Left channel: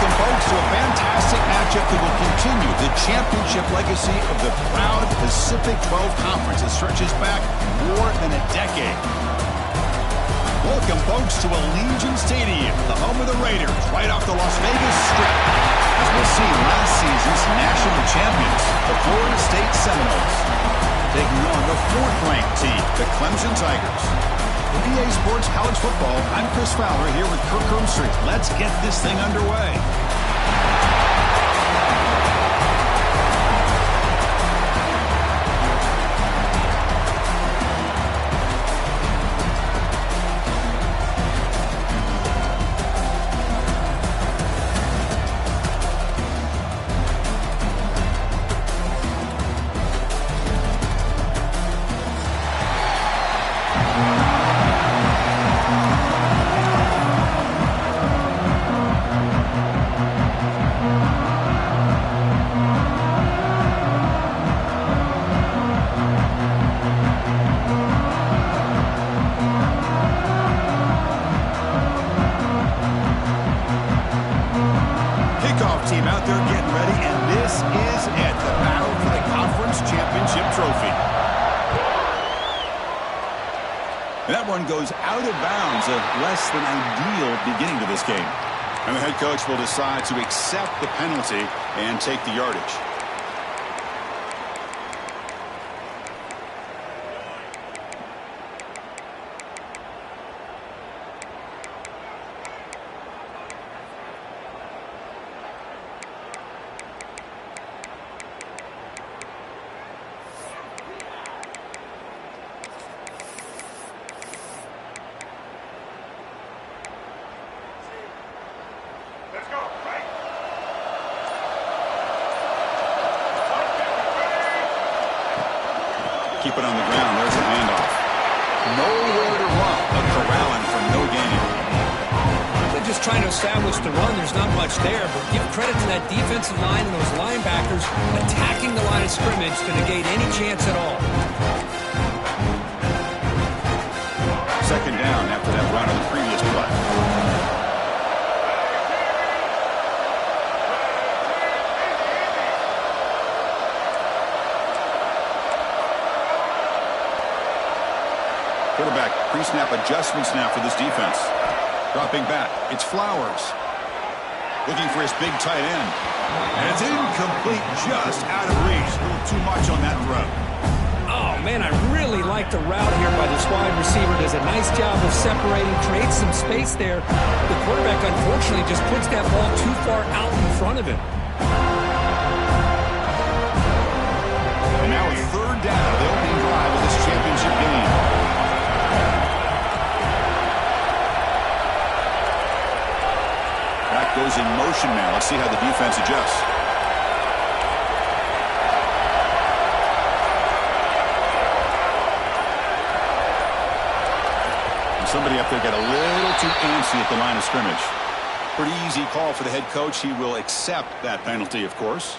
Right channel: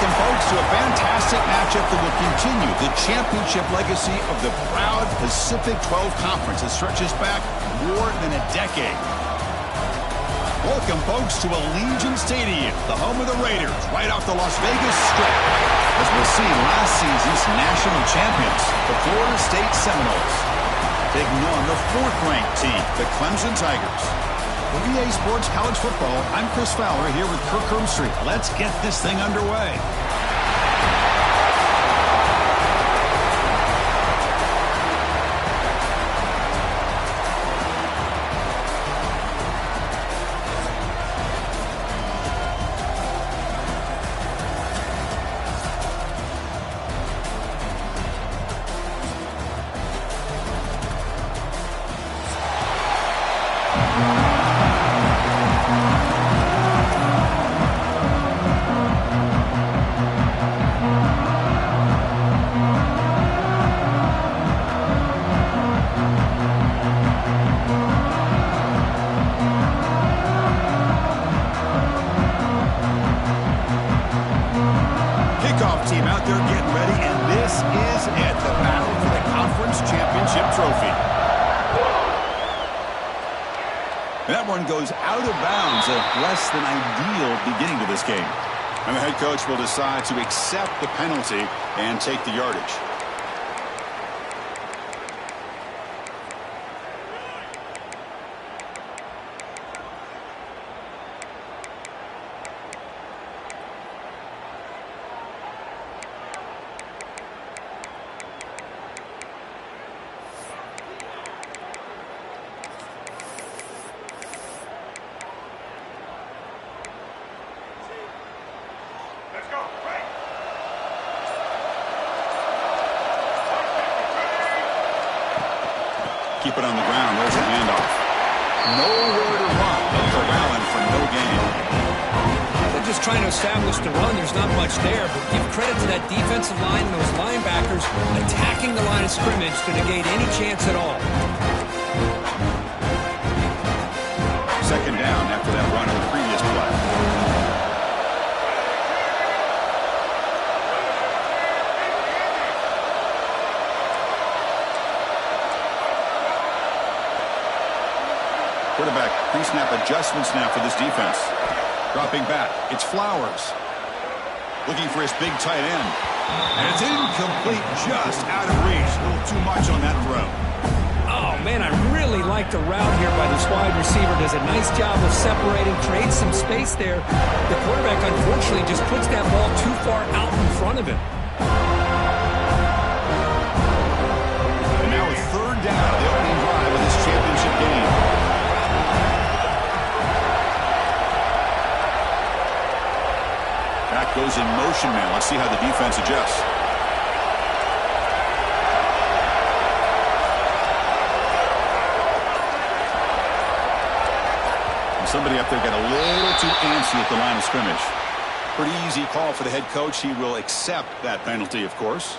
Welcome, folks, to a fantastic matchup that will continue the championship legacy of the proud Pacific 12 Conference that stretches back more than a decade. Welcome, folks, to Allegiant Stadium, the home of the Raiders, right off the Las Vegas Strip, as we'll see last season's national champions, the Florida State Seminoles, taking on the fourth-ranked team, the Clemson Tigers. For EA Sports College Football, I'm Chris Fowler here with Kirk Herbstreit. Let's get this thing underway. Team out there getting ready, and this is it, the battle for the conference championship trophy. And that one goes out of bounds, a less than ideal beginning to this game. And the head coach will decide to accept the penalty and take the yardage. Let's go, right? Keep it on the ground. There's a handoff. Nowhere to run, but corralling for no gain. They're just trying to establish the run. There's not much there, but give credit to that defensive line and those linebackers attacking the line of scrimmage to negate any chance at all. Second down after that run on the previous play. Quarterback pre-snap adjustments now for this defense. Dropping back, it's Flowers. Looking for his big tight end. And it's incomplete, just out of reach. A little too much on that throw. Oh, man, I really like the route here by this wide receiver. Does a nice job of separating, creates some space there. The quarterback, unfortunately, just puts that ball too far out in front of him. And now a third down of the opening drive of this championship game. Back goes in motion now. Let's see how the defense adjusts. And somebody up there got a little too antsy at the line of scrimmage. Pretty easy call for the head coach. He will accept that penalty, of course.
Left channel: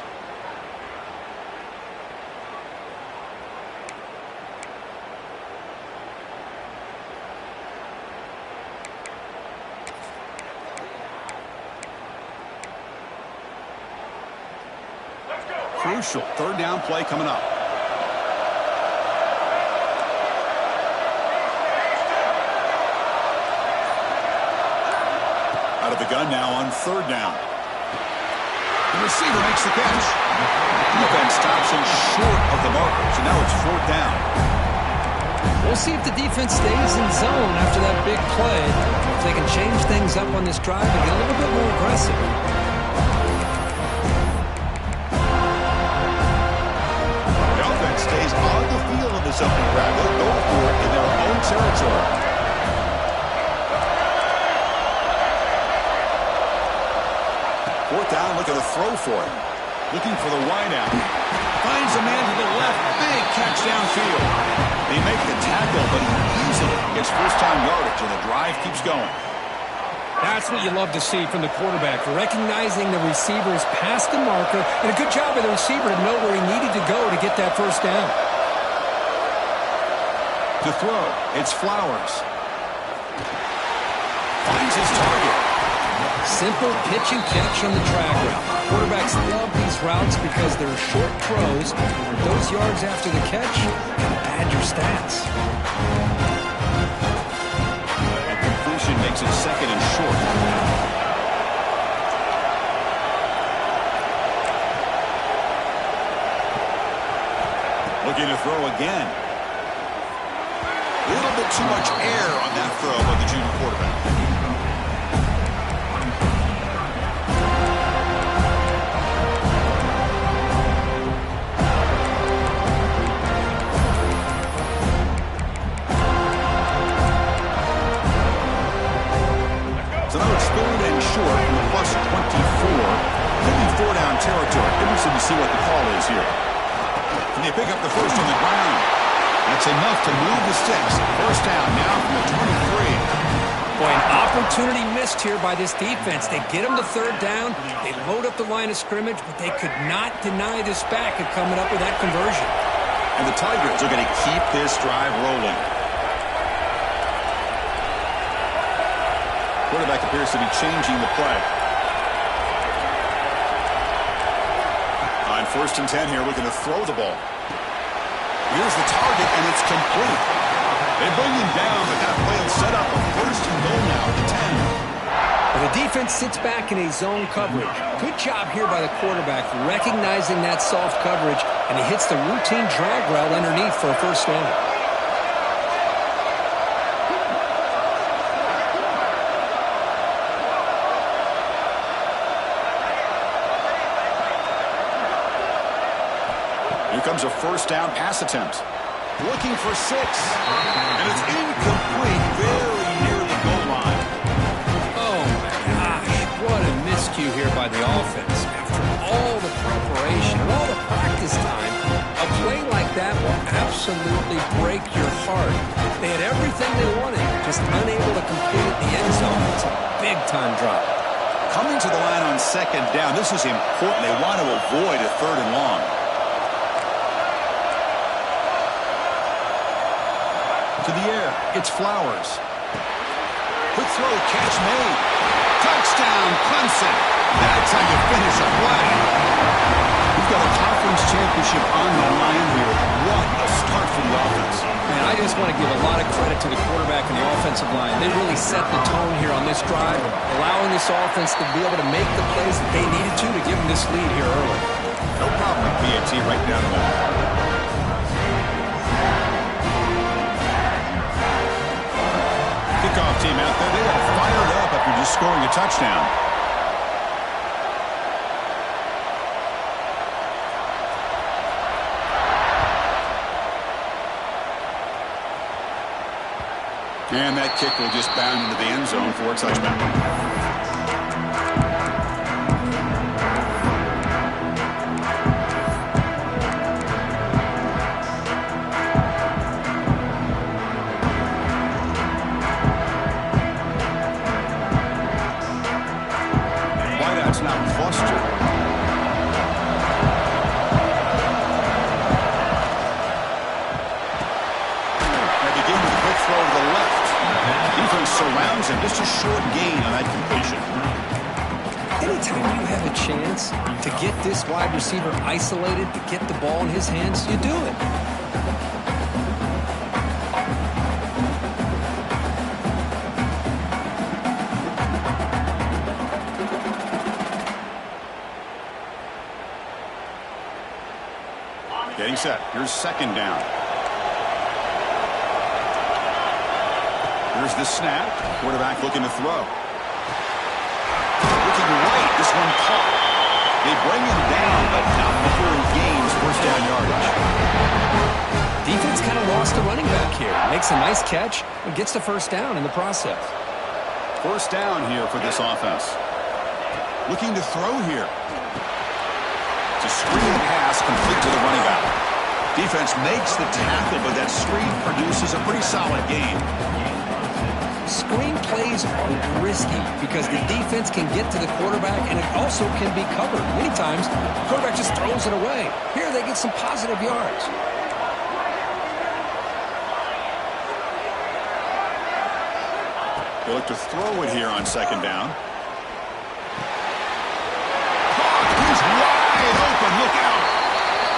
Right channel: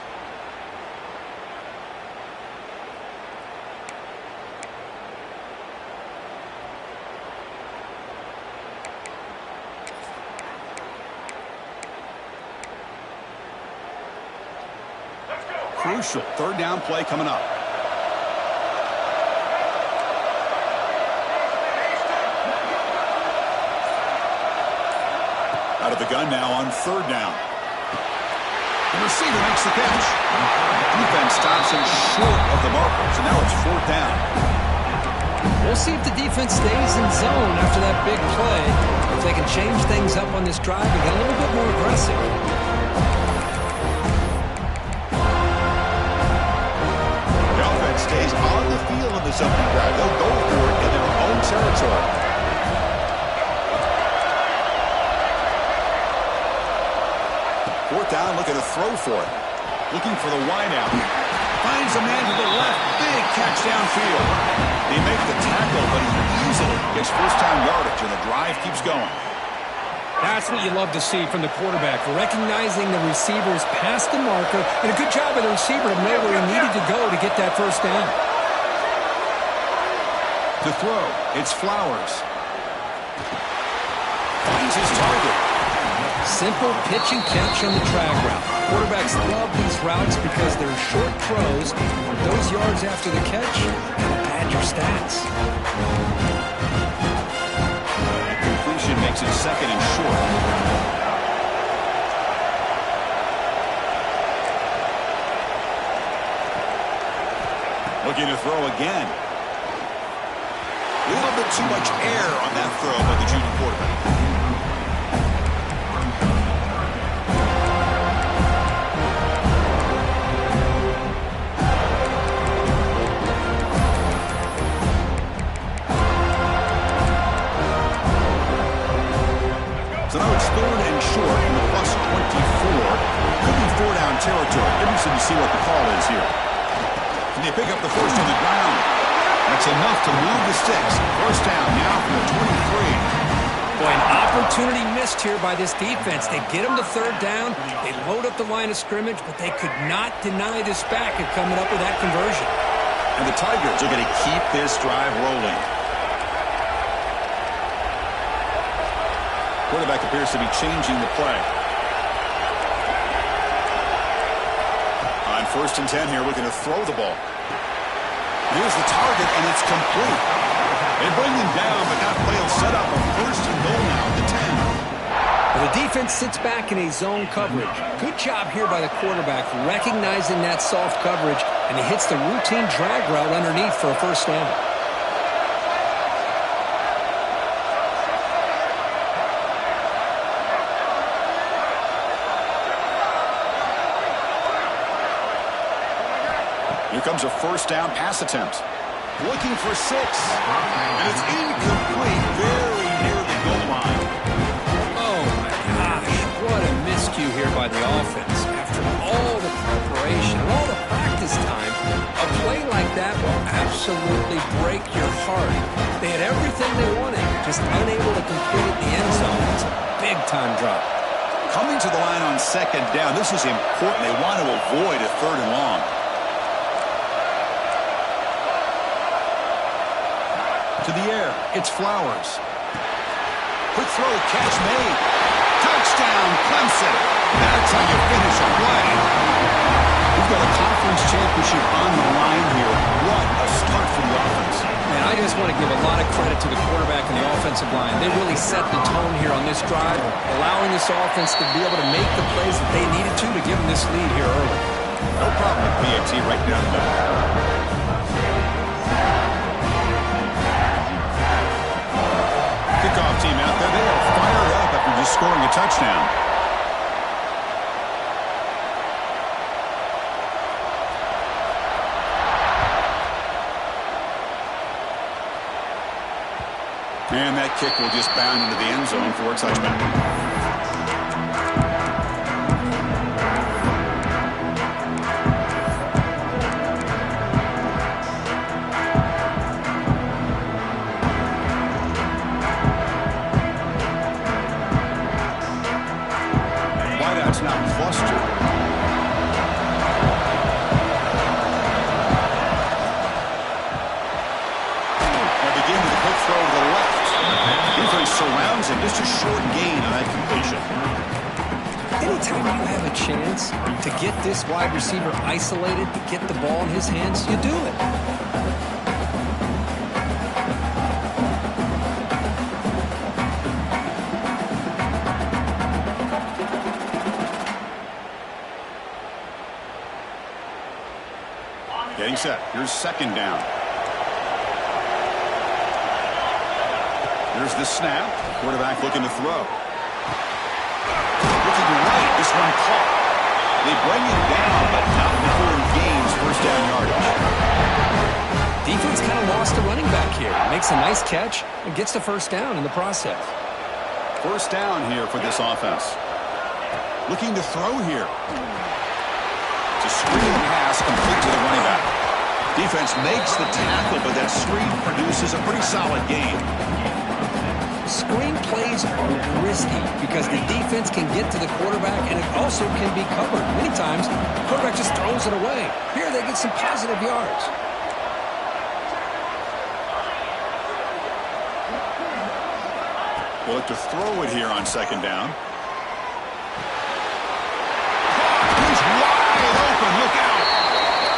Crucial third down play coming up. Out of the gun now on third down. The receiver makes the catch. Defense stops him short of the marker, so now it's fourth down. We'll see if the defense stays in zone after that big play. If they can change things up on this drive and get a little bit more aggressive. Stays on the field in this opening drive. They'll go for it in their own territory. Fourth down, looking to throw for it. Looking for the wideout. Finds a man to the left. Big catch downfield. They make the tackle, but he easily gets first down yardage, and the drive keeps going. That's what you love to see from the quarterback, recognizing the receivers past the marker, and a good job by the receiver to know where he needed to go to get that first down. To throw, it's Flowers. Finds his target. Simple pitch and catch on the drag route. Quarterbacks love these routes because they're short throws. Those yards after the catch can pad your stats. That completion makes it 2nd and short. Looking to throw again. A little bit too much air on that throw by the junior quarterback. So now it's 3rd and short from the +24. Could be 4-down territory. Interesting to see what the call is here. And they pick up the first on the ground. That's enough to move the sticks. 1st down now from the 23. Boy, an opportunity missed here by this defense. They get them to 3rd down. They load up the line of scrimmage, but they could not deny this back of coming up with that conversion. And the Tigers are going to keep this drive rolling. Quarterback appears to be changing the play. On 1st and 10 here, looking to throw the ball. Here's the target, and it's complete. They bring him down, but that play will set up a 1st and goal now at the 10. Well, the defense sits back in a zone coverage. Good job here by the quarterback recognizing that soft coverage, and he hits the routine drag route underneath for a 1st down. Here comes a 1st down pass attempt. Looking for 6. And it's incomplete, very near the goal line. Oh, my gosh. What a miscue here by the offense. After all the preparation and all the practice time, a play like that will absolutely break your heart. They had everything they wanted, just unable to complete it in the end zone. It's a big-time drop. Coming to the line on 2nd down, this is important. They want to avoid a 3rd and long. To the air, it's Flowers. Quick throw, catch made. Touchdown, Clemson. That's how you finish a play. We've got a conference championship on the line here. What a start for the offense. Man, I just want to give a lot of credit to the quarterback and the offensive line. They really set the tone here on this drive, allowing this offense to be able to make the plays that they needed to give them this lead here early. No problem with PAT right down the middle. Kickoff team out there. They are fired up after just scoring a touchdown. And that kick will just bound into the end zone for a touchback. Now clustered. They begin with a quick throw to the left. Defense surrounds him. Just a short gain on that completion. Anytime you have a chance to get this wide receiver isolated, to get the ball in his hands, you do it. Getting set. Here's 2nd down. Here's the snap. Quarterback looking to throw. Looking right. This one caught. They bring him down, but not before he gains 1st down yardage. Defense kind of lost the running back here. Makes a nice catch and gets the 1st down in the process. 1st down here for this offense. Looking to throw here. It's a screen pass complete to the running back. Defense makes the tackle, but that screen produces a pretty solid gain. Screen plays are risky because the defense can get to the quarterback and it also can be covered. Many times, the quarterback just throws it away. Here they get some positive yards. They look to throw it here on 2nd down.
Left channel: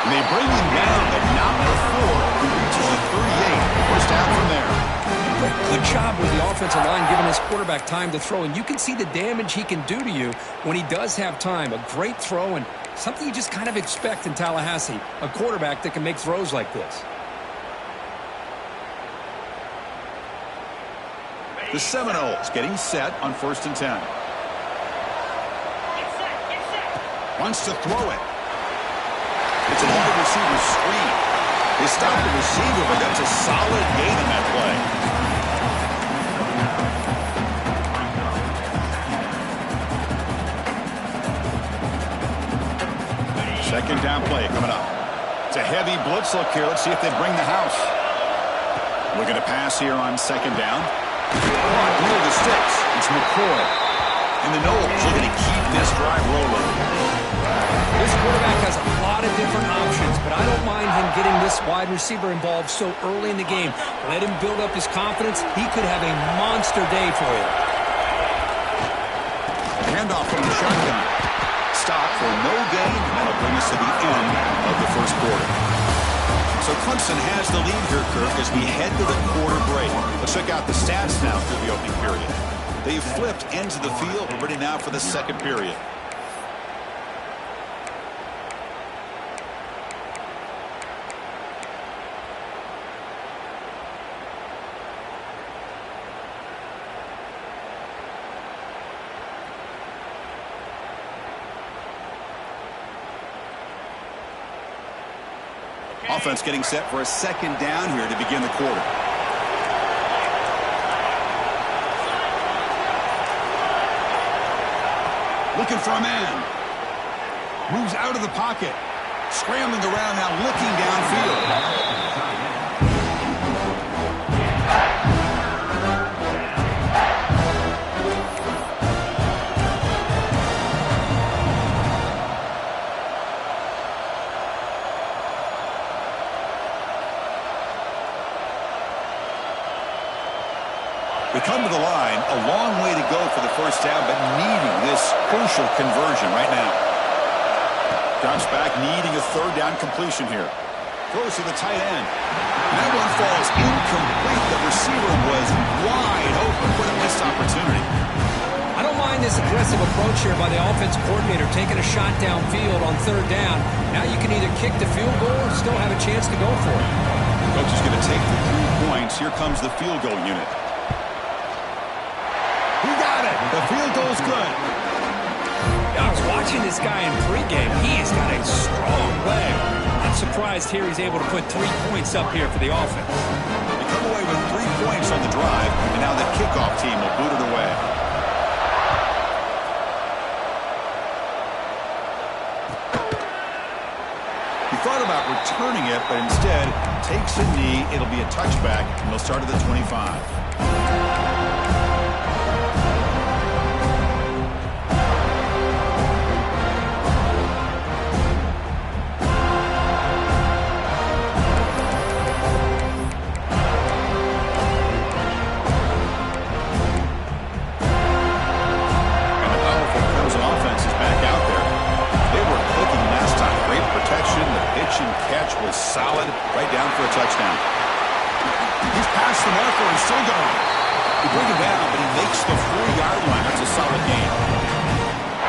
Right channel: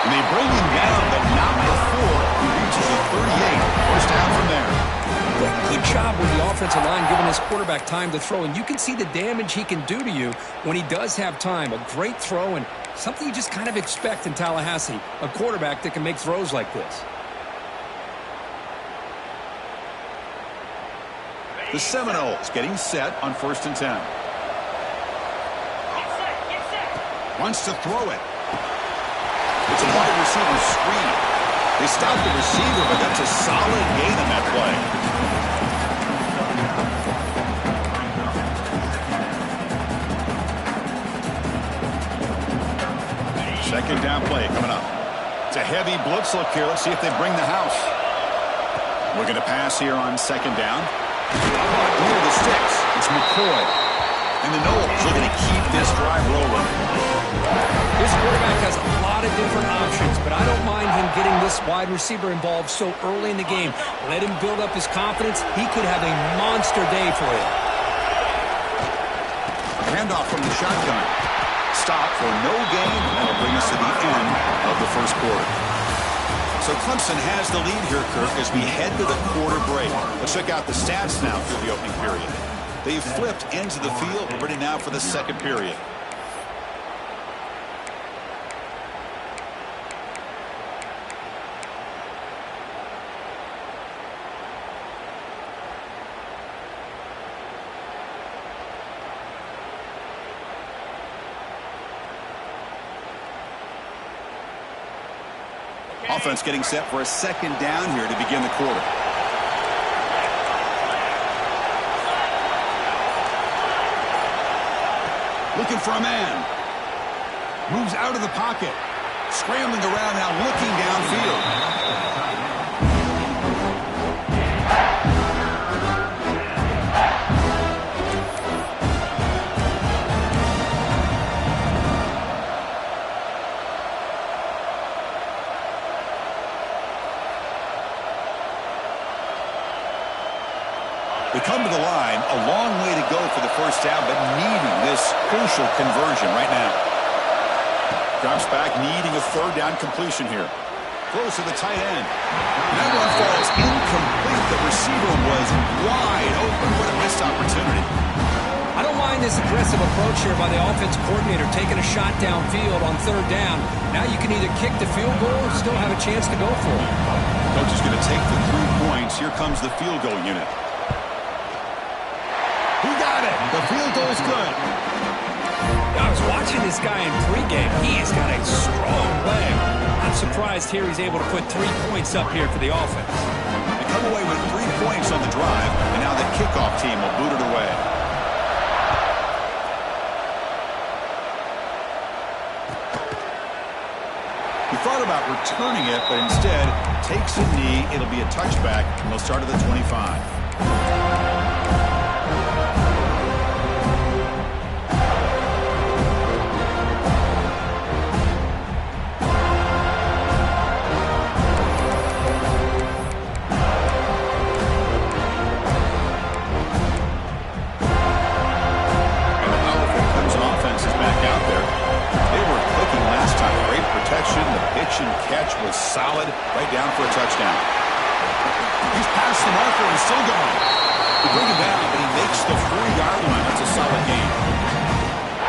And they bring him down, but not before he reaches the 38. First down from there. Good job with the offensive line giving his quarterback time to throw. And you can see the damage he can do to you when he does have time. A great throw and something you just kind of expect in Tallahassee. A quarterback that can make throws like this. The Seminoles getting set on 1st and 10. Wants to throw it. It's a wide receiver screen. They stop the receiver, but that's a solid gain on that play. Second down play coming up. It's a heavy blitz look here. Let's see if they bring the house. Looking to pass here on 2nd down. Caught near the sticks. It's McCoy. And the Noles looking to keep this drive rolling. This quarterback has a lot of different options, but I don't mind him getting this wide receiver involved so early in the game. Let him build up his confidence. He could have a monster day for you. Handoff from the shotgun. Stop for no gain, and that'll bring us to the end of the first quarter. So Clemson has the lead here, Kirk, as we head to the quarter break. Let's check out the stats now through the opening period. They've flipped ends of the field. We're ready now for the second period. Offense getting set for a second down here to begin the quarter. Looking for a man. Moves out of the pocket. Scrambling around now, looking downfield. They come to the line, a long way to go for the first down, but needing this crucial conversion right now. Drops back, needing a third down completion here. Throws to the tight end. And that one falls incomplete. The receiver was wide open. What a missed opportunity. I don't mind this aggressive approach here by the offense coordinator, taking a shot downfield on 3rd down. Now you can either kick the field goal or still have a chance to go for it. Coach is going to take the 3 points. Here comes the field goal unit. He got it. The field goal's good. I was watching this guy in pregame. He has got a strong leg. I'm surprised here he's able to put 3 points up here for the offense. They come away with 3 points on the drive, and now the kickoff team will boot it away. He thought about returning it, but instead takes a knee. It'll be a touchback, and they'll start at the 25. Catch was solid, right down for a touchdown. He's past the marker and still going. They bring him down, but he makes the 4-yard line. That's a solid gain.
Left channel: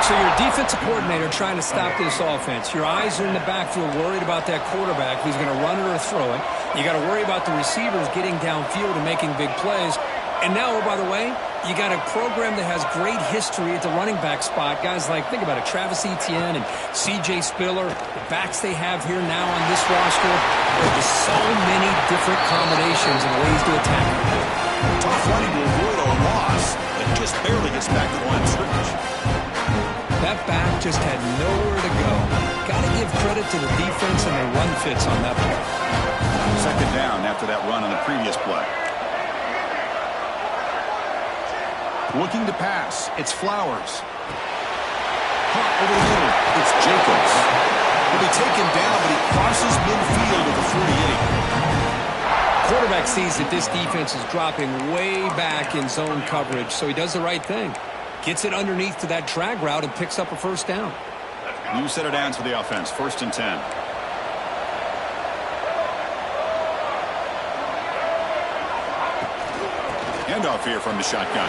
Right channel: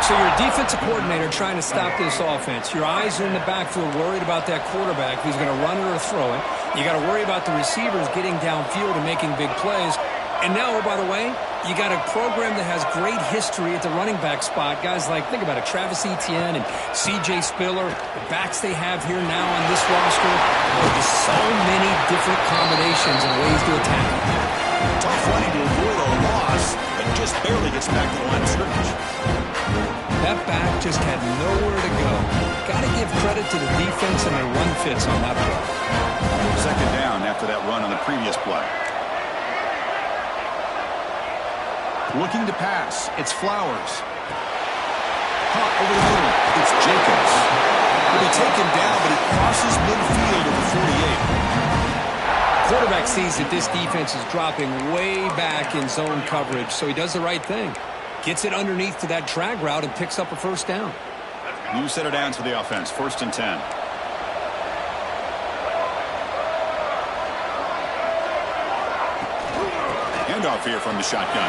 So you're a defensive coordinator trying to stop this offense. Your eyes are in the backfield, worried about that quarterback, if he's going to run it or throw it. You got to worry about the receivers getting downfield and making big plays. And now, oh, by the way, you got a program that has great history at the running back spot. Guys like, think about it, Travis Etienne and C.J. Spiller, the backs they have here now on this roster. There are just so many different combinations and ways to attack it. Tough running to avoid a loss, but just barely gets back to the line of scrimmage. That back just had nowhere to go. Got to give credit to the defense and their run fits on that play. Second down after that run on the previous play. Looking to pass. It's Flowers. Caught over the middle. It's Jacobs. He'll be taken down, but he crosses midfield at the 48. Quarterback sees that this defense is dropping way back in zone coverage, so he does the right thing. Gets it underneath to that drag route and picks up a first down. New set of downs for the offense. 1st and 10. handoff here from the shotgun.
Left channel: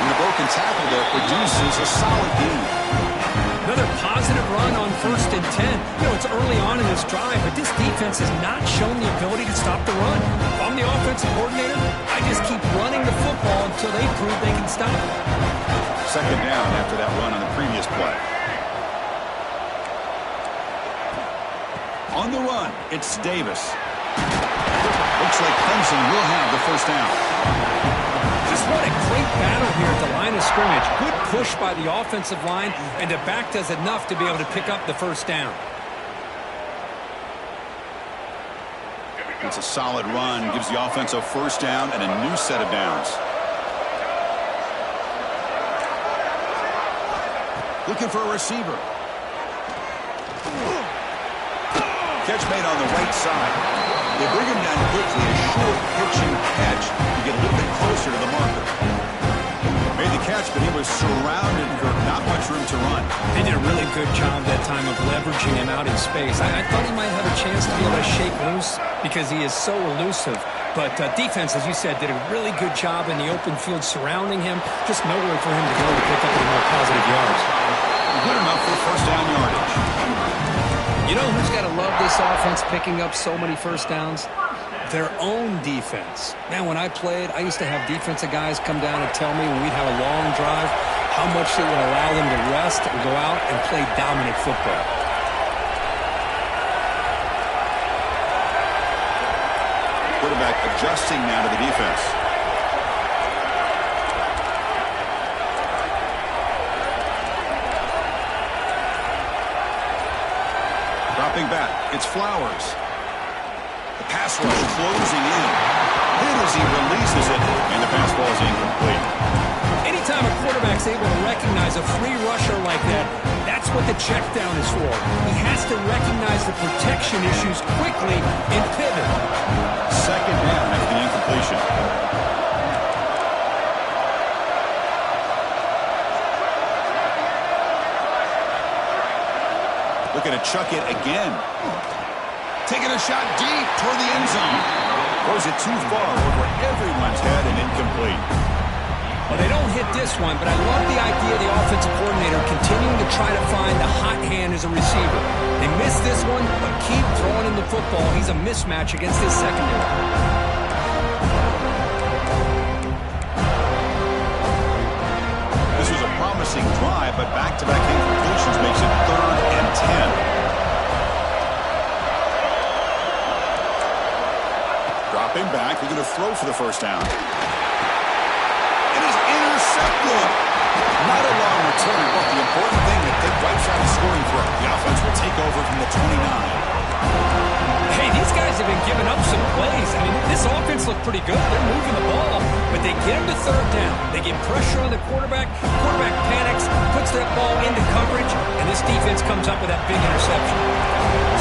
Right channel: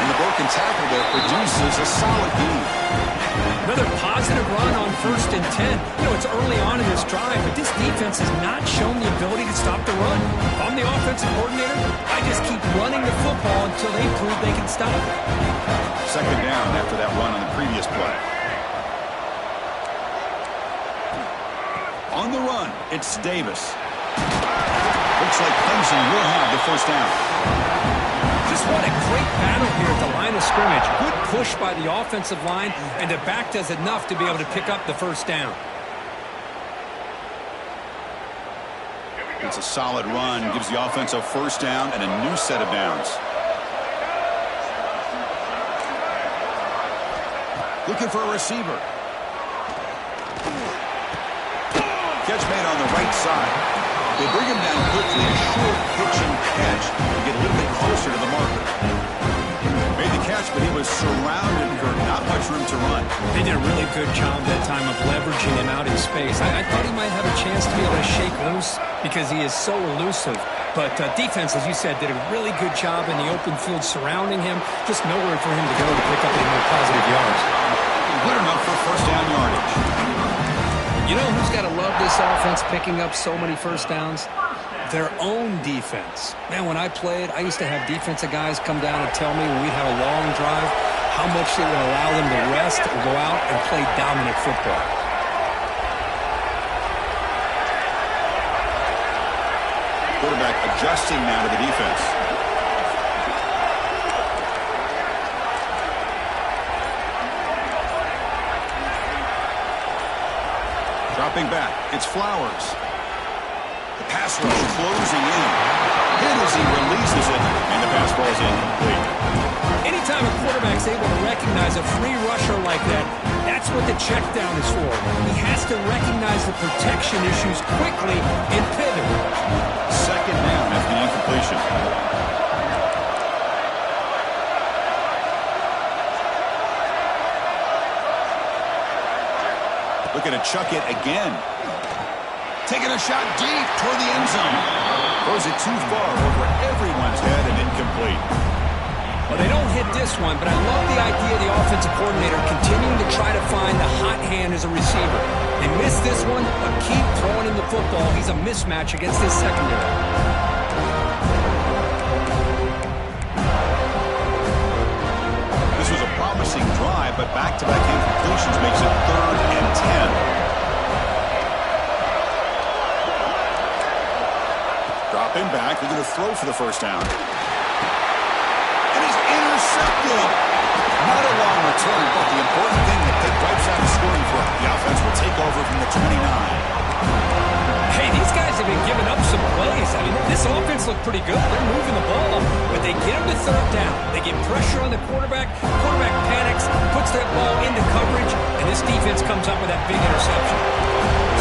And the broken tackle there produces a solid gain. Another positive run on 1st and 10. You know, it's early on in this drive, but this defense has not shown the ability to stop the run. If I'm the offensive coordinator, I just keep running the football until they prove they can stop it. 2nd down after that run on the previous play. On the run, it's Davis. Looks like Clemson will have the 1st down. Just what a great battle here at the line of scrimmage. Good push by the offensive line, and the back does enough to be able to pick up the 1st down. It's a solid run, gives the offense a 1st down and a new set of downs. Looking for a receiver. Catch made on the right side. They bring him down quickly, a short pitch and catch to get a little bit closer to the marker. Made the catch, but he was surrounded, Kirk. Not much room to run. They did a really good job that time of leveraging him out in space. I thought he might have a chance to be able to shake loose because he is so elusive. But defense, as you said, did a really good job in the open field surrounding him. Just nowhere for him to go to pick up any more positive yards. Good enough for 1st down yardage. You know who's got to love this offense picking up so many 1st downs? Their own defense. Man, when I played, I used to have defensive guys come down and tell me when we'd have a long drive how much it would allow them to rest and go out and play dominant football. Quarterback adjusting now to the defense. Dropping back, it's Flowers. The pass rush closing in. Hit as he releases it, and the pass ball is incomplete. Anytime a quarterback's able to recognize a free rusher like that, that's what the check down is for. He has to recognize the protection issues quickly and pivot. 2nd down after the incompletion. Looking to chuck it again. Taking a shot deep toward the end zone. Throws it too far over everyone's head and incomplete. Well, they don't hit this one, but I love the idea of the offensive coordinator continuing to try to find the hot hand as a receiver. They missed this one, but keep throwing him the football. He's a mismatch against his secondary. This was a promising drive, but back-to-back incompletions makes it 3rd and 10. Dropping back, they're going to throw for the 1st down. It is intercepted. Not a long return, but the important thing that they wipes out the scoring throw. The offense will take over from the 29. Hey, these guys have been giving up some plays. I mean, this offense looked pretty good. They're moving the ball, but they get them to 3rd down. They get pressure on the quarterback. Quarterback panics, puts that ball into coverage, and this defense comes up with that big interception.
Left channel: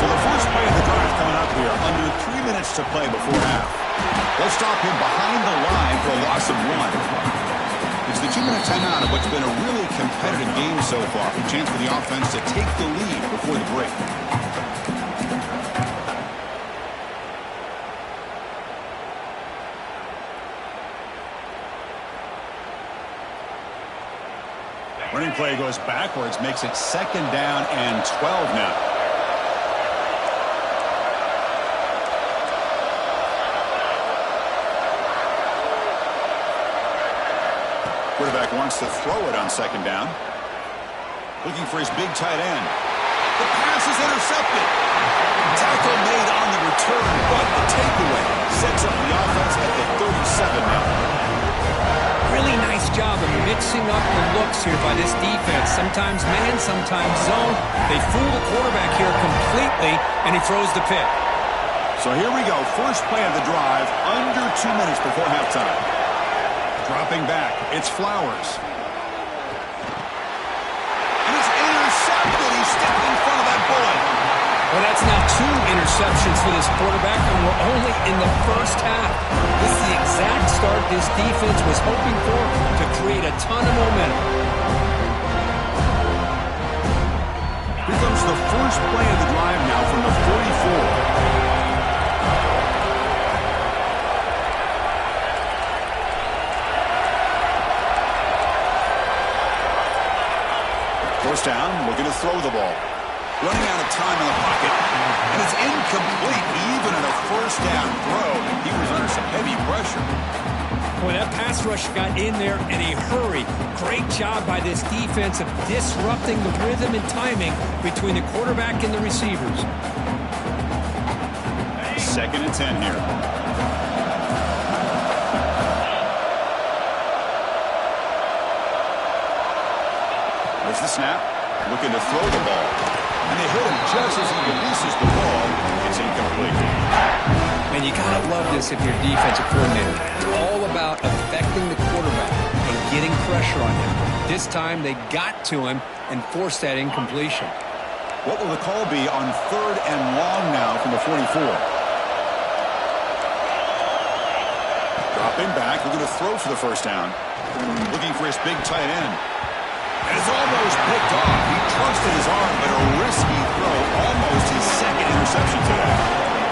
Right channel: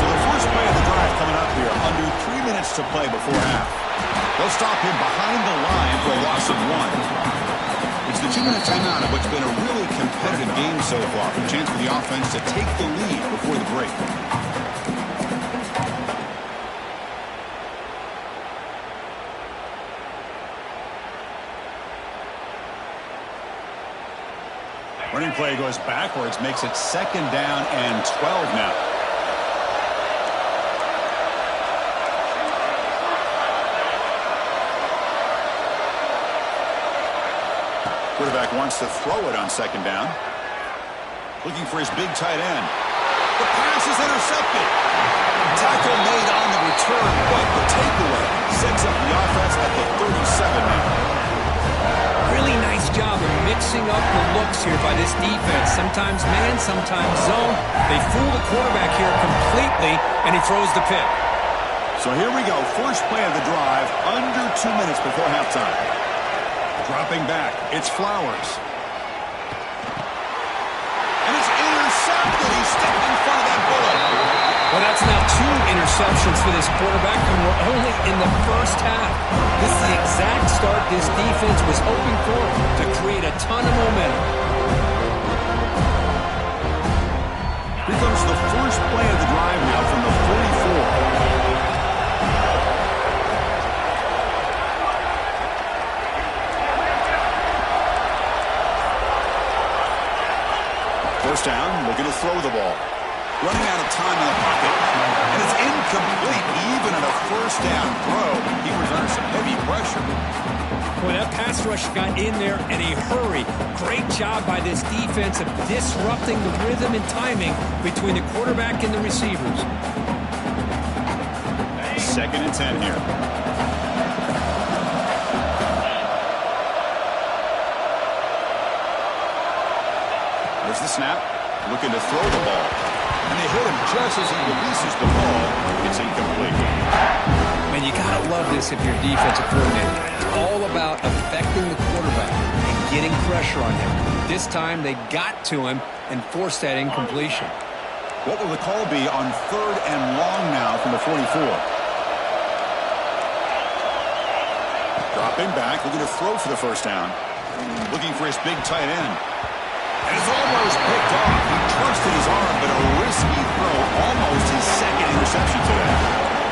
So the first play of the drive coming up here, under 3 minutes to play before half. They'll stop him behind the line for a loss of 1. It's the 2-minute timeout of what's been a really competitive game so far. A chance for the offense to take the lead before the break. Running play goes backwards, makes it 2nd down and 12 now. Quarterback wants to throw it on 2nd down. Looking for his big tight end. The pass is intercepted. Tackle made on the return, but the takeaway sets up the offense at the 37 now. Really nice job of mixing up the looks here by this defense. Sometimes man, sometimes zone. They fool the quarterback here completely, and he throws the pick. So here we go. First play of the drive, under 2 minutes before halftime. Dropping back, it's Flowers. And it's intercepted. He stepped in front of that bullet. Well, that's now 2 interceptions for this quarterback, and we're only in the first half. This is the exact start this defense was hoping for to create a ton of momentum. Here comes the first play of the drive now from the 44. First down, looking to throw the ball. Running out of time in the pocket. And it's incomplete. Even at a first down throw, he was under some heavy pressure. Boy, that pass rush got in there in a hurry. Great job by this defense of disrupting the rhythm and timing between the quarterback and the receivers. 2nd and 10 here. There's the snap. Looking to throw the ball. And they hit him just as he releases the ball. It's incomplete. Man, you gotta love this if you're a defensive coordinator. It's all about affecting the quarterback and getting pressure on him. This time they got to him and forced that incompletion. What will the call be on 3rd and long now from the 44? Dropping back, looking to throw for the first down. Looking for his big tight end. And it's almost picked off. He trusted his arm, but a risky throw. Almost his 2nd interception today.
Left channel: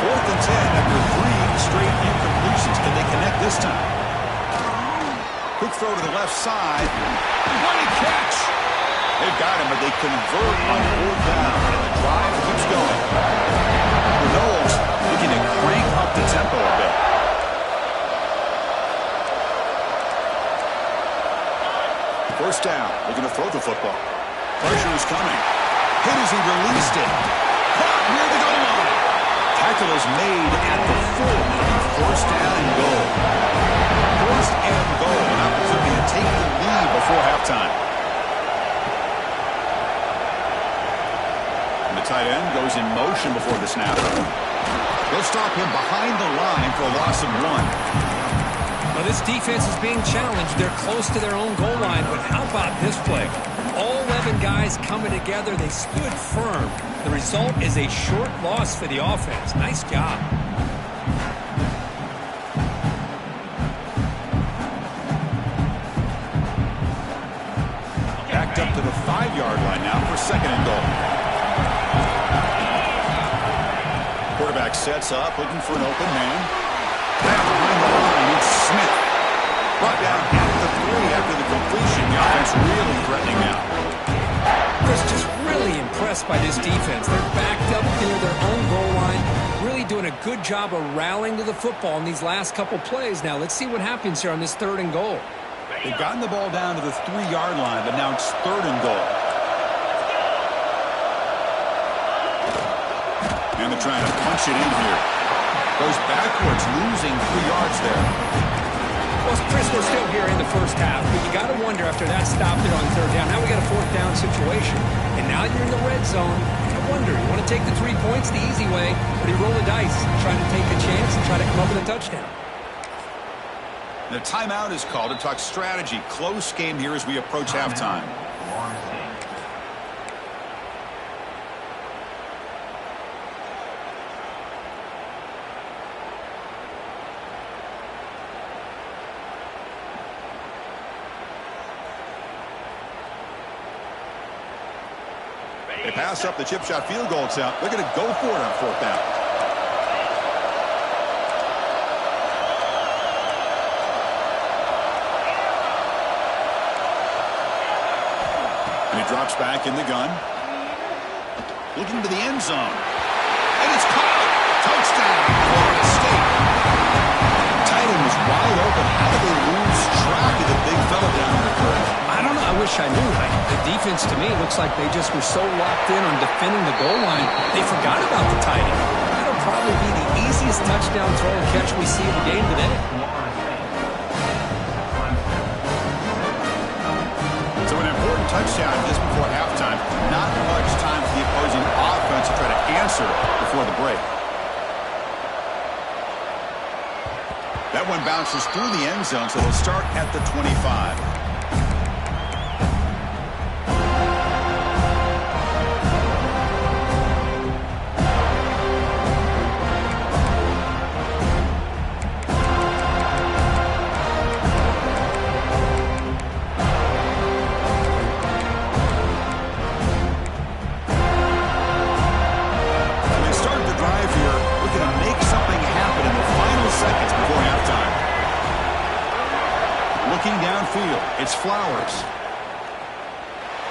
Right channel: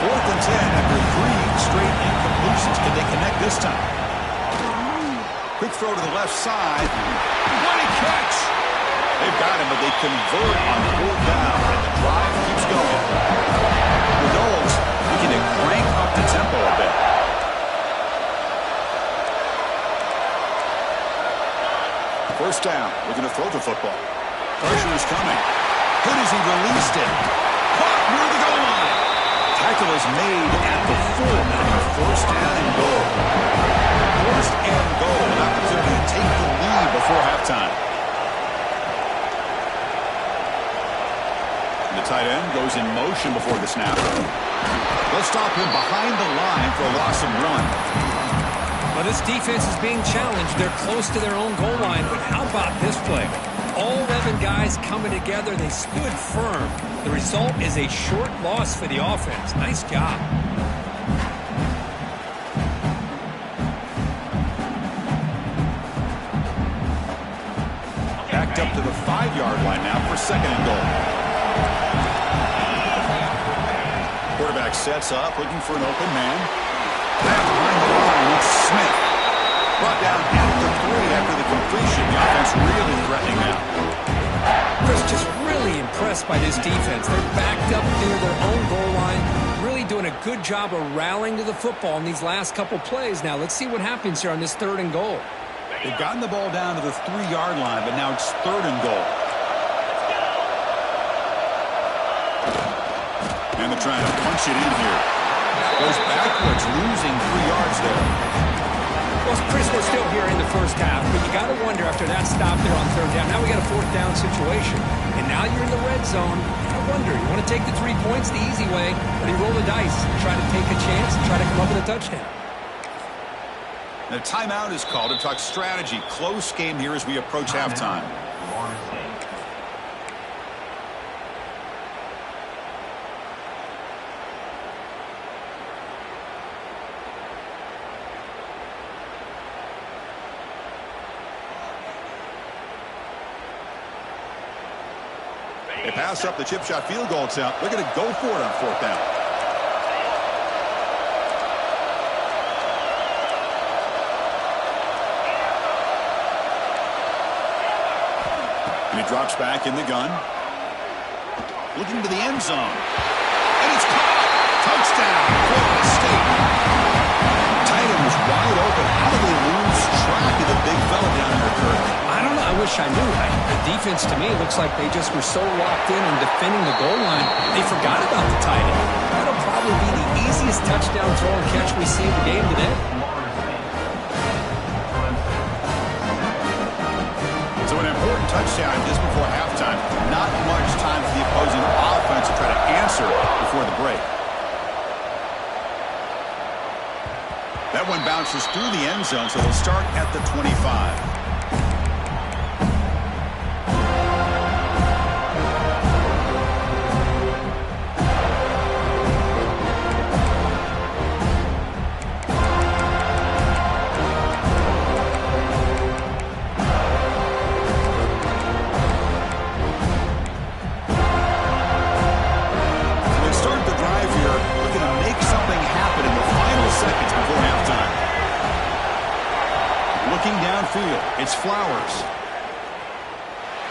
4th and 10 after 3 straight incompletions. Can they connect this time? Quick throw to the left side. What a catch! They've got him, but they convert on 4th down, and the drive keeps going. The Knowles looking to crank up the tempo a bit. First down, looking to throw the football. Pressure is coming. Hit as he released it. Caught near the goal line. Tackle is made at the 4. Now be 1st down and goal. 1st and goal. An opportunity to take the lead before halftime. And the tight end goes in motion before the snap. They'll stop him behind the line for a loss of 1. Well, this defense is being challenged. They're close to their own goal line, but how about this play? All 11 guys coming together. They stood firm. The result is a short loss for the offense. Nice job. Backed up to the 5-yard line now for 2nd and goal. Quarterback sets up, looking for an open man. Back behind the line, it's Smith. Brought down at the 3 after the completion. The offense really threatening now. Chris, just really impressed by this defense. They're backed up near their own goal line, really doing a good job of rallying to the football in these last couple plays. Now, let's see what happens here on this 3rd and goal. They've gotten the ball down to the 3-yard line, but now it's 3rd and goal. And they're trying to punch it in here. Goes backwards, losing 3 yards there. Well, Chris, we're still here in the first half, but you got to wonder after that stop there on 3rd down. Now we got a 4th down situation, and now you're in the red zone. I wonder, you want to take the 3 points the easy way, or do you roll the dice and try to take a chance and try to come up with a touchdown? The timeout is called to talk strategy. Close game here as we approach halftime. They pass up the chip shot field goal attempt. They're going to go for it on 4th down. And he drops back in the gun. Looking to the end zone. And it's caught. Touchdown, Florida State. Tight end was wide open. How did they lose track of the big fella down there, Kurt? I don't know. I wish I knew. The defense, to me, looks like they just were so locked in on defending the goal line, they forgot about the tight end. That'll probably be the easiest touchdown throw and catch we see in the game today. So an important touchdown just before halftime. Not much time for the opposing offense to try to answer before the break. That one bounces through the end zone, so they'll start at the 25. Seconds before halftime. Looking downfield, it's Flowers.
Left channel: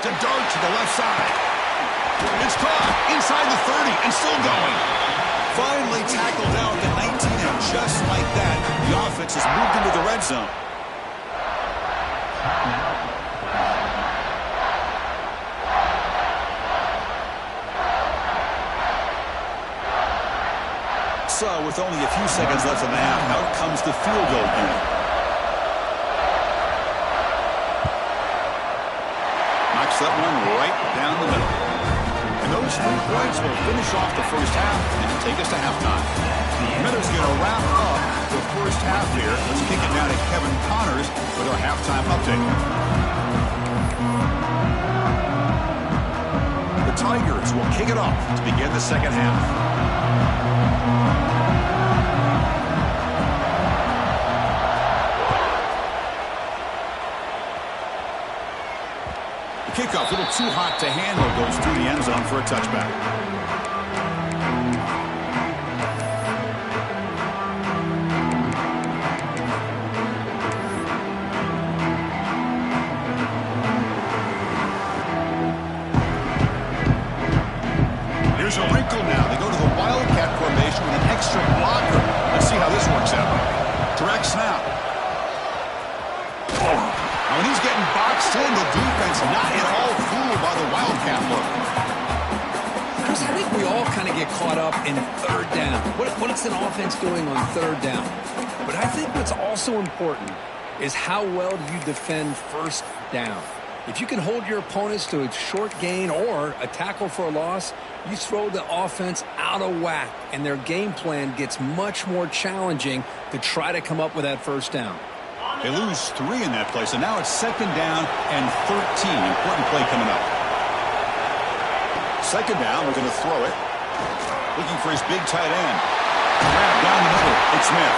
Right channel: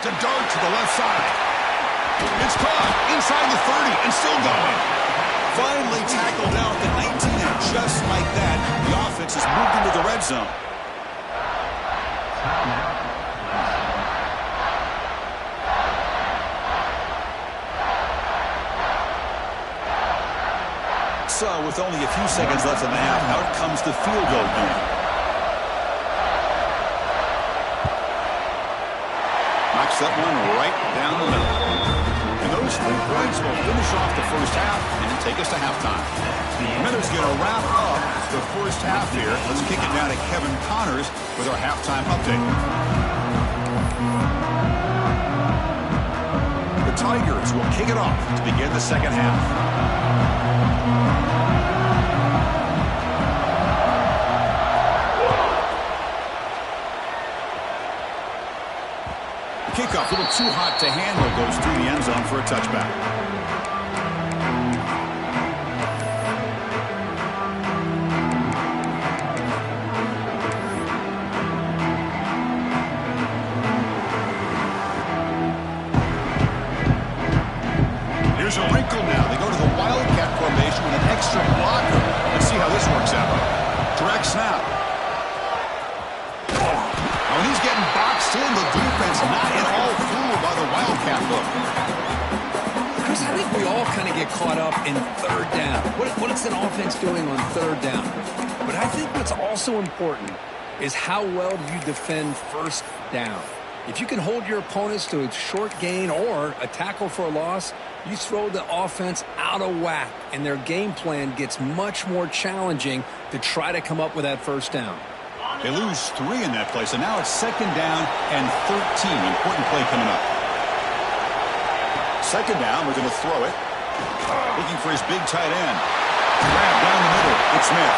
to dart to the left side. It's caught inside the 30 and still going. Finally tackled down at the 19, and just like that, the offense has moved into the red zone. So, with only a few seconds left in the half, out comes the field goal unit. Knocks that one right down the middle. And those 3 points will finish off the first half and take us to halftime. Minutes going to wrap up the first half here. Let's kick it down to Kevin Connors with our halftime update. The Tigers will kick it off to begin the second half. Kickoff, a little too hot to handle, goes through the end zone for a touchback. Here's a wrinkle now. They go to the Wildcat formation with an extra blocker. Let's see how this works out. Direct snap. When he's getting boxed in, the defense not at all fooled by the Wildcat look. Chris, I think we all kind of get caught up in third down. What is an offense doing on third down? But I think what's also important is how well do you defend first down. If you can hold your opponents to a short gain or a tackle for a loss, you throw the offense out of whack, and their game plan gets much more challenging to try to come up with that first down. They lose 3 in that play, so now it's second down and 13. Important play coming up. Second down, we're going to throw it. Looking for his big tight end. Grab down the middle. It's Smith.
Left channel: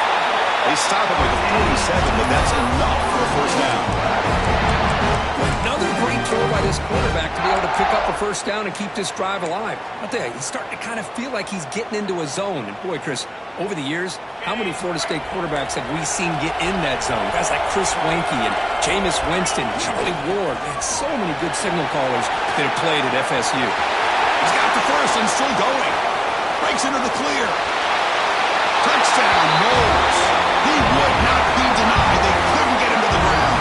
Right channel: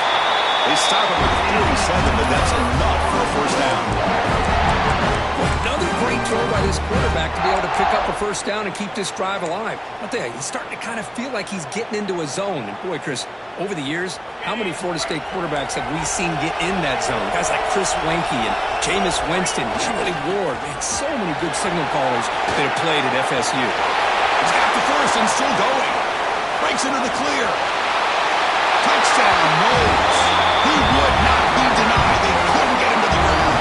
They stop him with the 47, but that's enough for a first down. Another great throw by this quarterback to be able to pick up a first down and keep this drive alive. I'll tell you, he's starting to kind of feel like he's getting into a zone. And boy, Chris, over the years, how many Florida State quarterbacks have we seen get in that zone? Guys like Chris Weinke and Jameis Winston, Charlie Ward. Man, so many good signal callers that have played at FSU. He's got the first and still going. Breaks into the clear. Touchdown, Knowles. He would not be denied. They couldn't get him to the ground.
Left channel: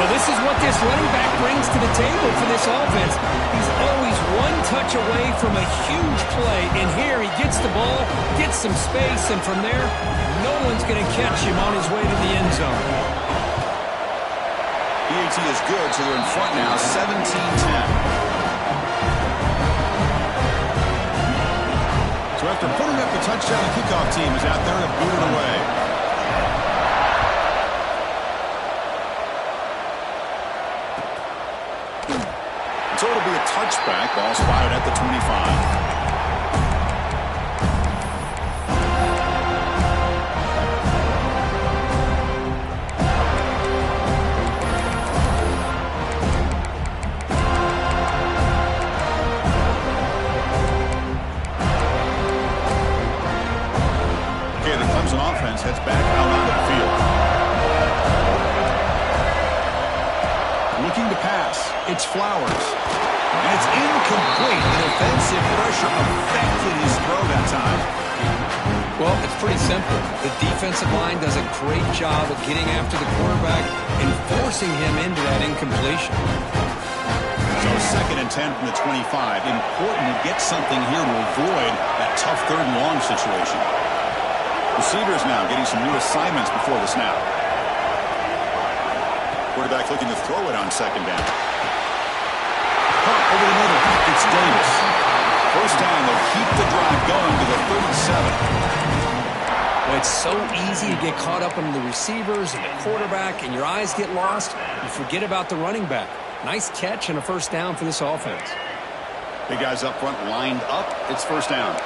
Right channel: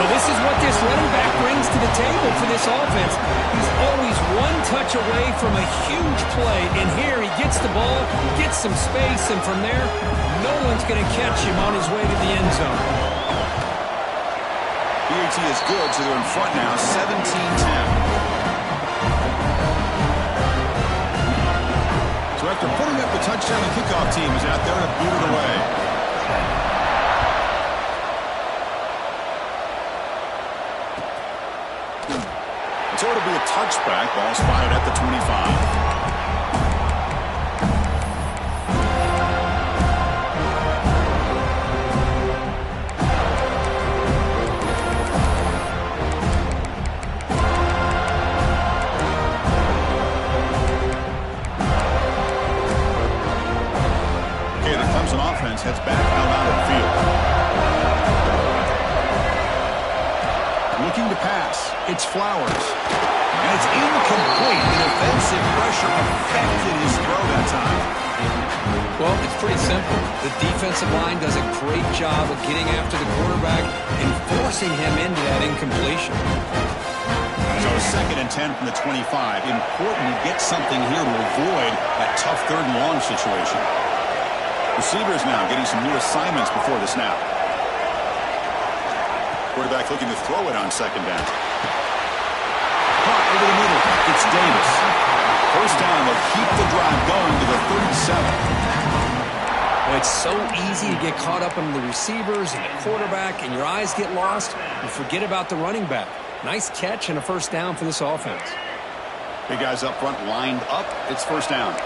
Well, this is what this running back brings to the table for this offense. He's always one touch away from a huge play, and here he gets the ball, gets some space, and from there, no one's going to catch him on his way to the end zone. PAT is good, so they're in front now, 17-10. So after putting up the touchdown, the kickoff team is out there to boot it away. So it'll be a touchback. Ball spotted at the 25. Okay, the Clemson offense heads back out onto the field. Looking to pass. It's Flowers. And it's incomplete. The defensive pressure affected his throw that time. Well, it's pretty simple. The defensive line does a great job of getting after the quarterback and forcing him into that incompletion. So second and 10 from the 25. Important to get something here to avoid that tough third and long situation. Receivers now getting some new assignments before the snap. Quarterback looking to throw it on second down. Caught over the middle. It's Davis. First down. They'll keep the drive going to the 37. Well, it's so easy to get caught up in the receivers and the quarterback, and your eyes get lost. You forget about the running back. Nice catch and a first down for this offense. Big guys up front lined up. It's first down.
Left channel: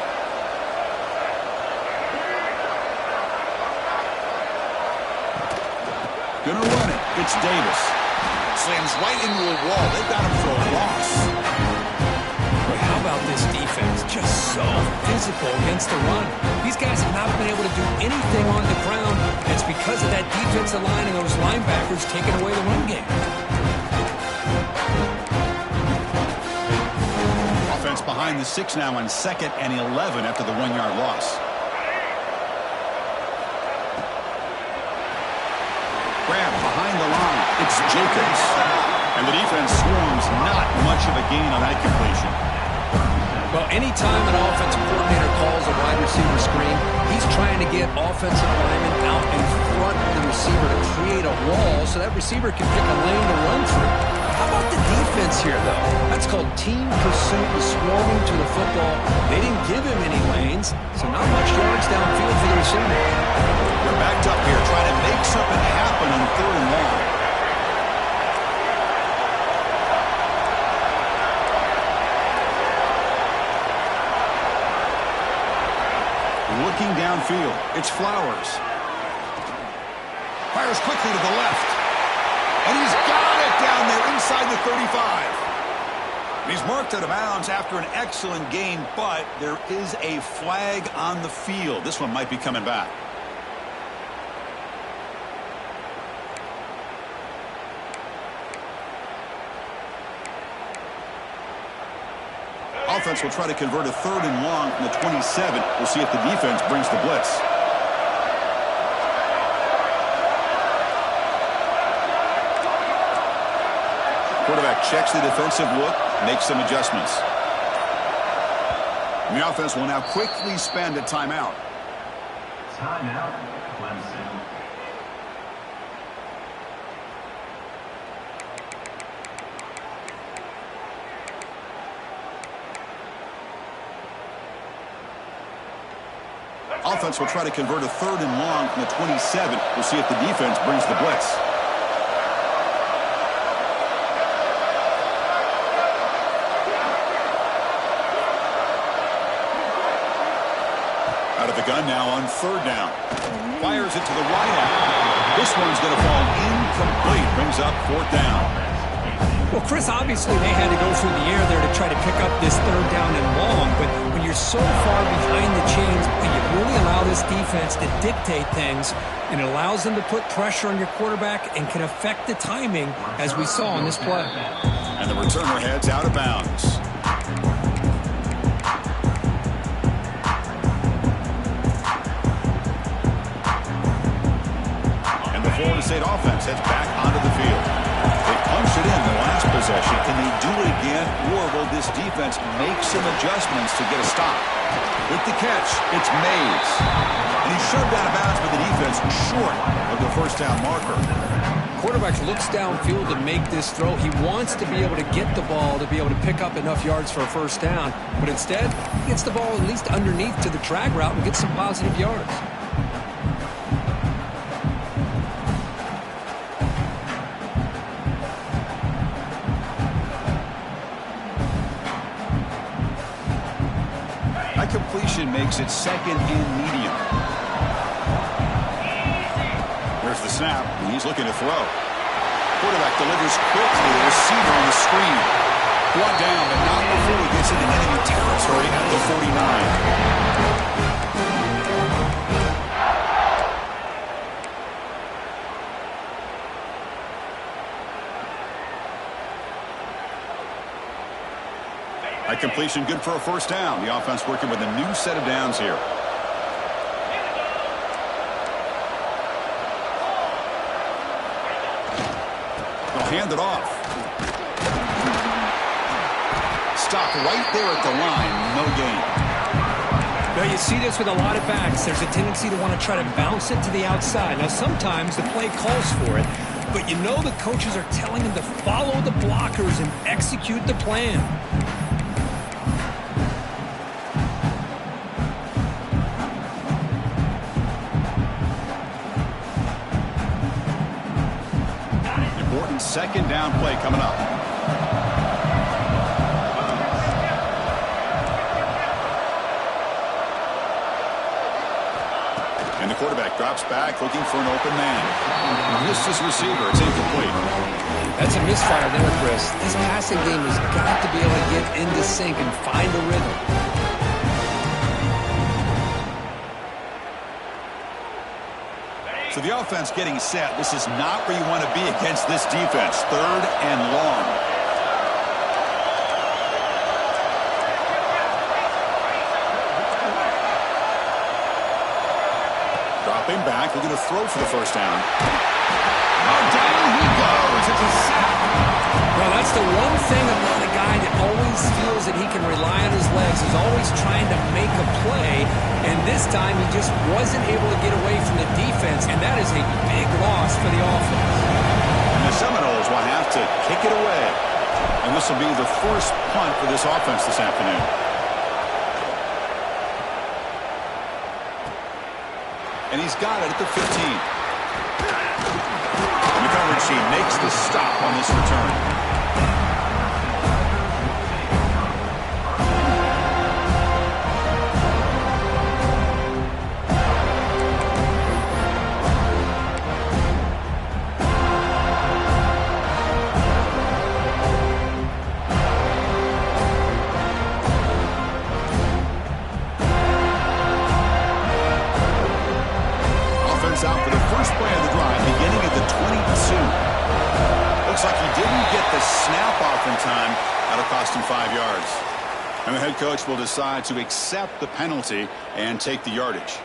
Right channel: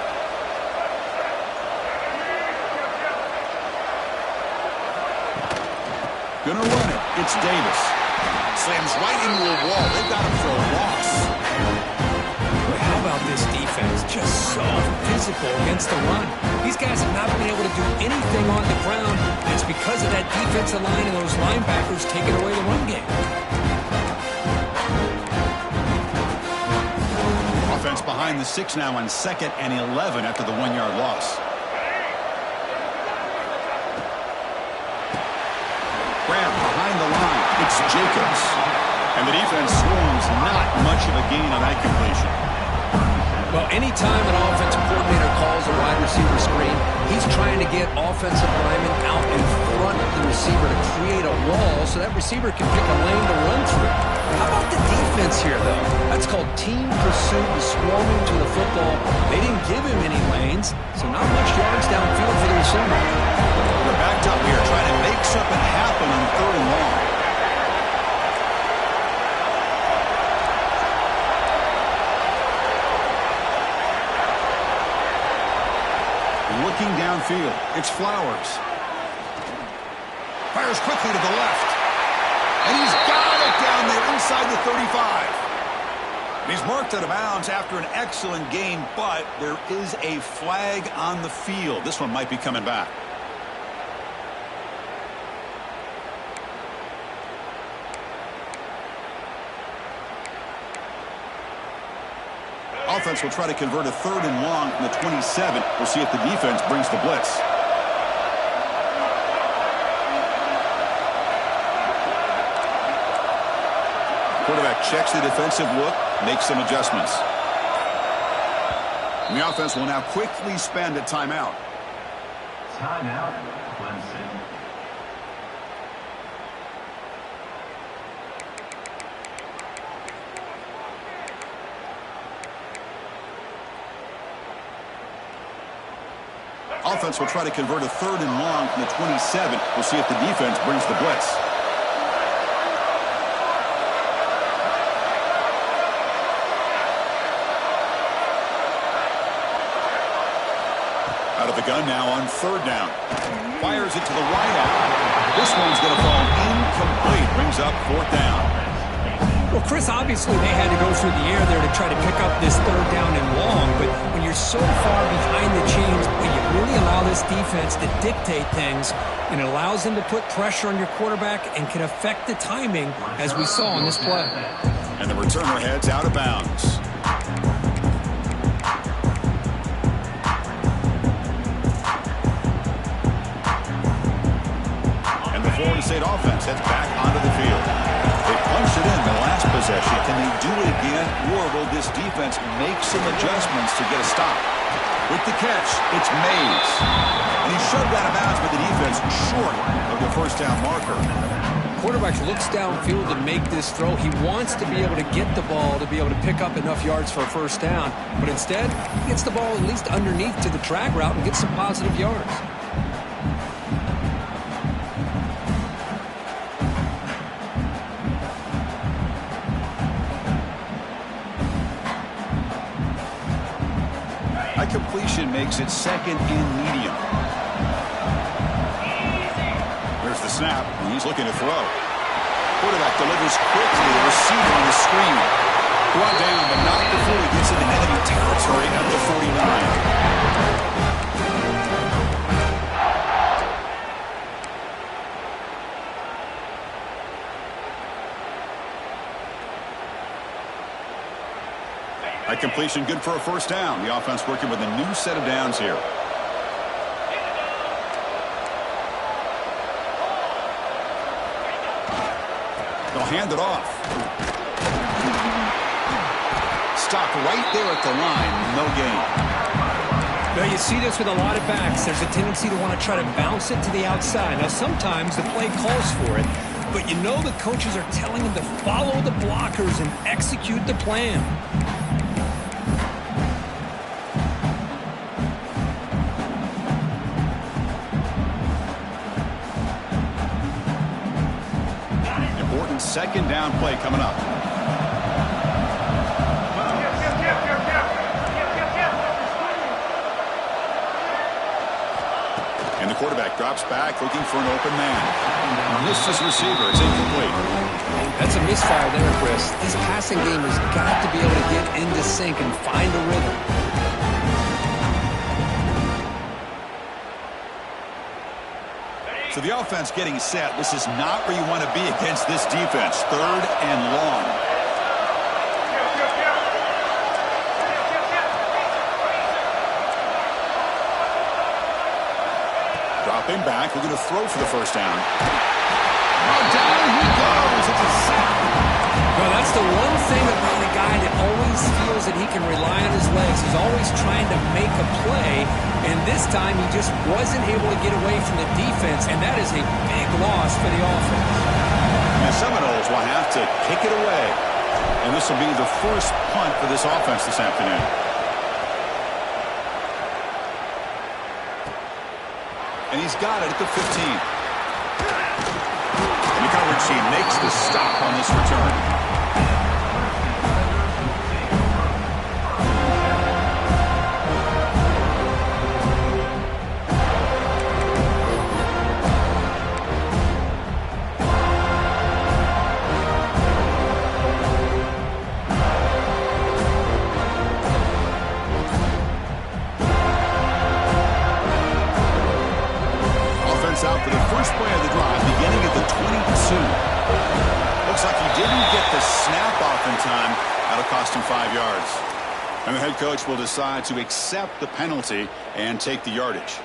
Gonna run it. It's Davis. Slams right into a wall. They've got him for a loss. But how about this defense? Just so physical against the run. These guys have not been able to do anything on the ground. And it's because of that defensive line and those linebackers taking away the run game. defense behind the 6 now on 2nd and 11 after the 1-yard loss. Grab behind the line. It's Jacobs. And the defense swarms. Not much of a gain on that completion. Well, anytime an offensive coordinator calls a wide receiver screen, he's trying to get offensive linemen out in front of the receiver to create a wall so that receiver can pick a lane to run through. How about the defense here, though? That's called team pursuit and swarming to the football. They didn't give him any lanes, so not much yards downfield for the receiver. They're backed up here trying to make something happen on 3rd and long. Looking downfield, it's Flowers. Fires quickly to the left. And he's got it down there inside the 35. And he's marked out of bounds after an excellent gain, but there is a flag on the field. This one might be coming back. Offense will try to convert a 3rd and long from the 27. We'll see if the defense brings the blitz. Quarterback checks the defensive look, makes some adjustments. And the offense will now quickly spend a timeout. Timeout, Clemson. Offense will try to convert a 3rd and long from the 27. We'll see if the defense brings the blitz. Out of the gun now on 3rd down. Fires it to the right out. This one's going to fall incomplete. Brings up 4th down. Well, Chris, obviously they had to go through the air there to try to pick up this 3rd down and long, but when you're so far behind the chains, you really allow this defense to dictate things, and it allows them to put pressure on your quarterback and can affect the timing, as we saw on this play. And the returner heads out of bounds. And the Florida State offense heads back onto the field. They punched it in the last possession. Can they do it again, or will this defense make some adjustments to get a stop? With the catch, it's Mays. And he's shoved out of bounds by the defense short of the 1st down marker. Quarterback looks downfield to make this throw. He wants to be able to get the ball to be able to pick up enough yards for a 1st down. But instead, he gets the ball at least underneath to the drag route and gets some positive yards. Completion makes it 2nd and medium. Here's the snap. He's looking to throw. Quarterback delivers quickly. The receiver on the screen. Brought down, but not before he gets into enemy territory at the 49. That completion good for a 1st down. The offense working with a new set of downs here. They'll hand it off. Stopped right there at the line. No gain. Now you see this with a lot of backs. There's a tendency to want to try to bounce it to the outside. Now sometimes the play calls for it, but you know the coaches are telling them to follow the blockers and execute the plan. Important 2nd down play coming up. And the quarterback drops back looking for an open man. Missed his receiver. It's incomplete. That's a misfire there, Chris. This passing game has got to be able to get into sync and find a rhythm. So the offense getting set. This is not where you want to be against this defense. 3rd and long. Stepping back, looking to throw for the first down. Oh, down he goes. It's a sack. Well, that's the one thing about a guy that always feels that he can rely on his legs. He's always trying to make a play, and this time he just wasn't able to get away from the defense, and that is a big loss for the offense. And the Seminoles will have to kick it away, and this will be the first punt for this offense this afternoon. And he's got it at the 15. In the coverage, he makes the stop on this return. Out for the first play of the drive, beginning at the 22. Looks like he didn't get the snap off in time. That'll cost him 5 yards. And the head coach will decide to accept the penalty and take the yardage.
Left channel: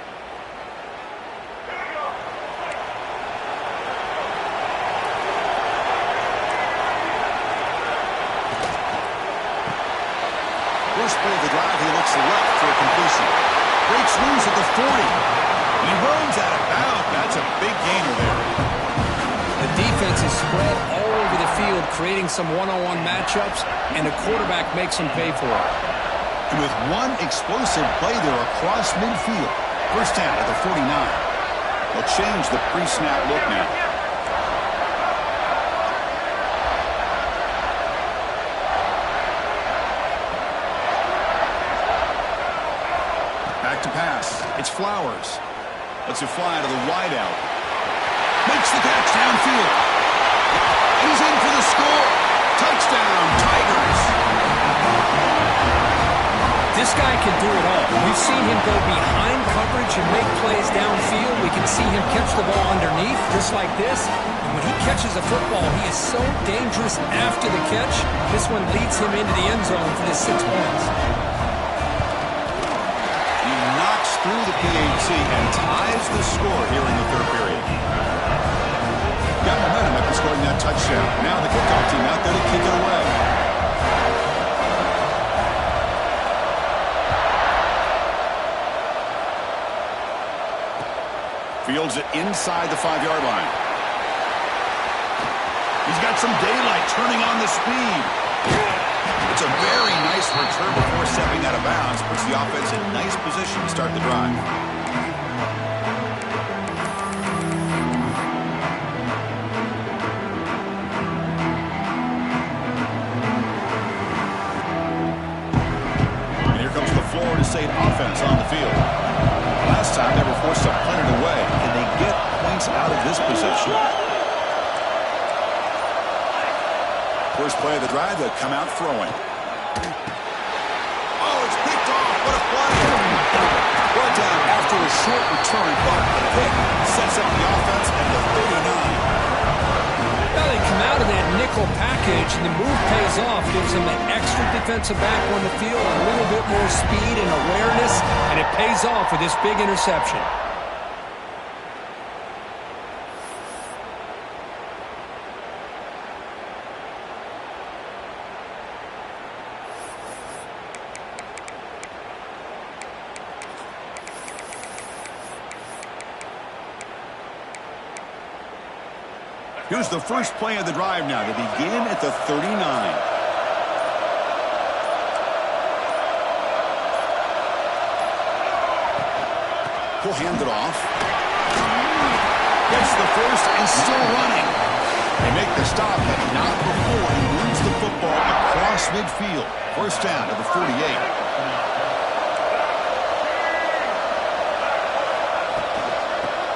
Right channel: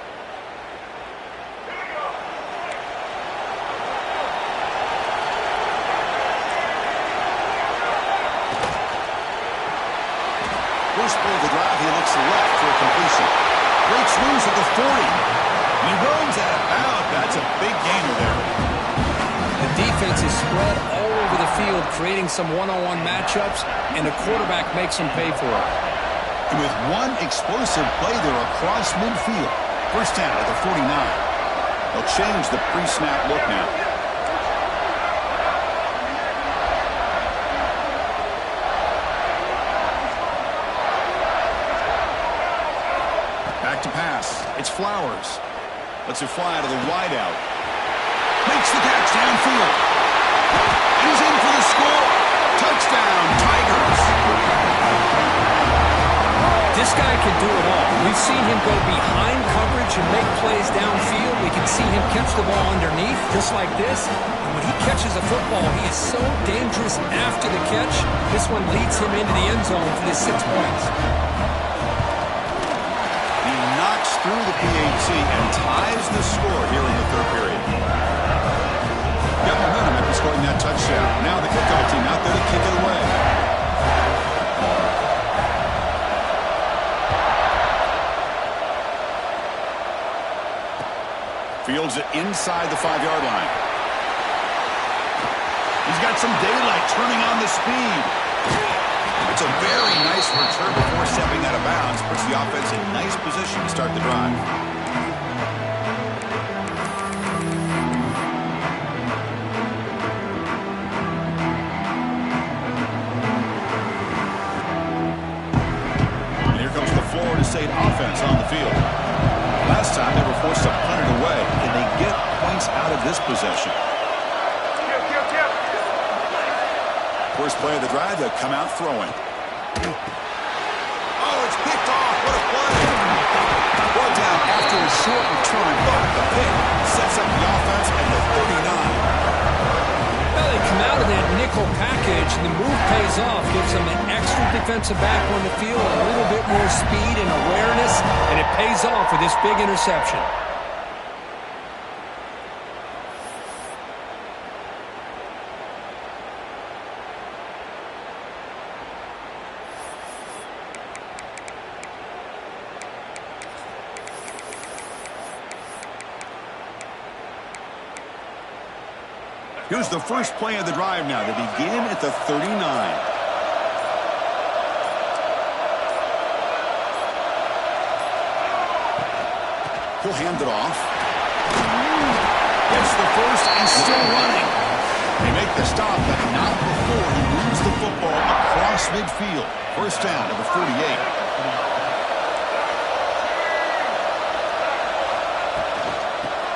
First play of the drive, he looks left for a completion. Breaks loose at the 40. He runs out of bounds. That's a big gainer there. The defense is spread all over the field, creating some one-on-one matchups, and the quarterback makes them pay for it. And with one explosive play there across midfield, first down at the 49. They'll change the pre-snap look now. Back to pass. It's Flowers. Lets it fly to the wideout. Makes the catch downfield. And he's in for the score. Touchdown, Tigers. This guy can do it all. We've seen him go behind coverage and make plays downfield. We can see him catch the ball underneath, just like this. And when he catches a football, he is so dangerous after the catch. This one leads him into the end zone for the 6 points. Knocks through the PAT and ties the score here in the third period. Got momentum after scoring that touchdown. Now the kickoff team out there to kick it away. Fields it inside the 5-yard line. He's got some daylight turning on the speed. It's a very nice return before stepping out of bounds. Puts the offense in nice position to start the drive. And here comes the Florida State offense on the field. Last time they were forced to punt it away. Can they get points out of this possession? First play of the drive, they'll come out throwing. Oh, it's picked off. What a play. Brought down after a short return, but the pick sets up the offense at the 39. Well, they come out of that nickel package, and the move pays off. Gives them an extra defensive back on the field, a little bit more speed and awareness, and it pays off with this big interception. Here's the first play of the drive now. They begin at the 39. He'll hand it off. Gets the first and still running. They make the stop, but not before he moves the football across midfield. First down to the 48.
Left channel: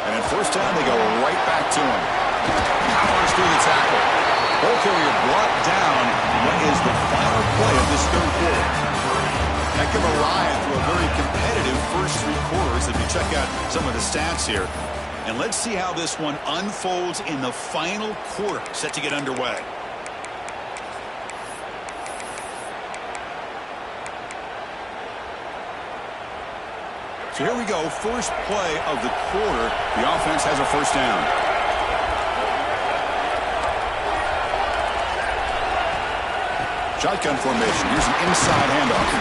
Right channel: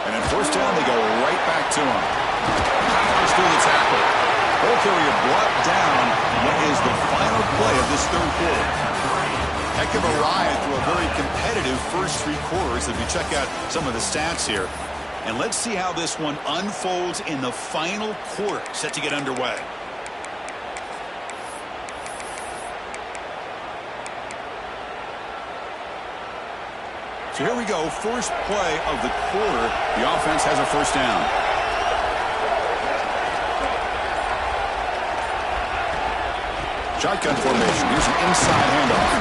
And at first down, they go right back to him. Powers through the tackle. Ball carrier brought down what is the final play of this third quarter. Heck of a ride through a very competitive first 3 quarters as we check out some of the stats here. And let's see how this one unfolds in the final quarter set to get underway. So here we go, first play of the quarter. The offense has a first down. Shotgun formation. Here's an inside handoff.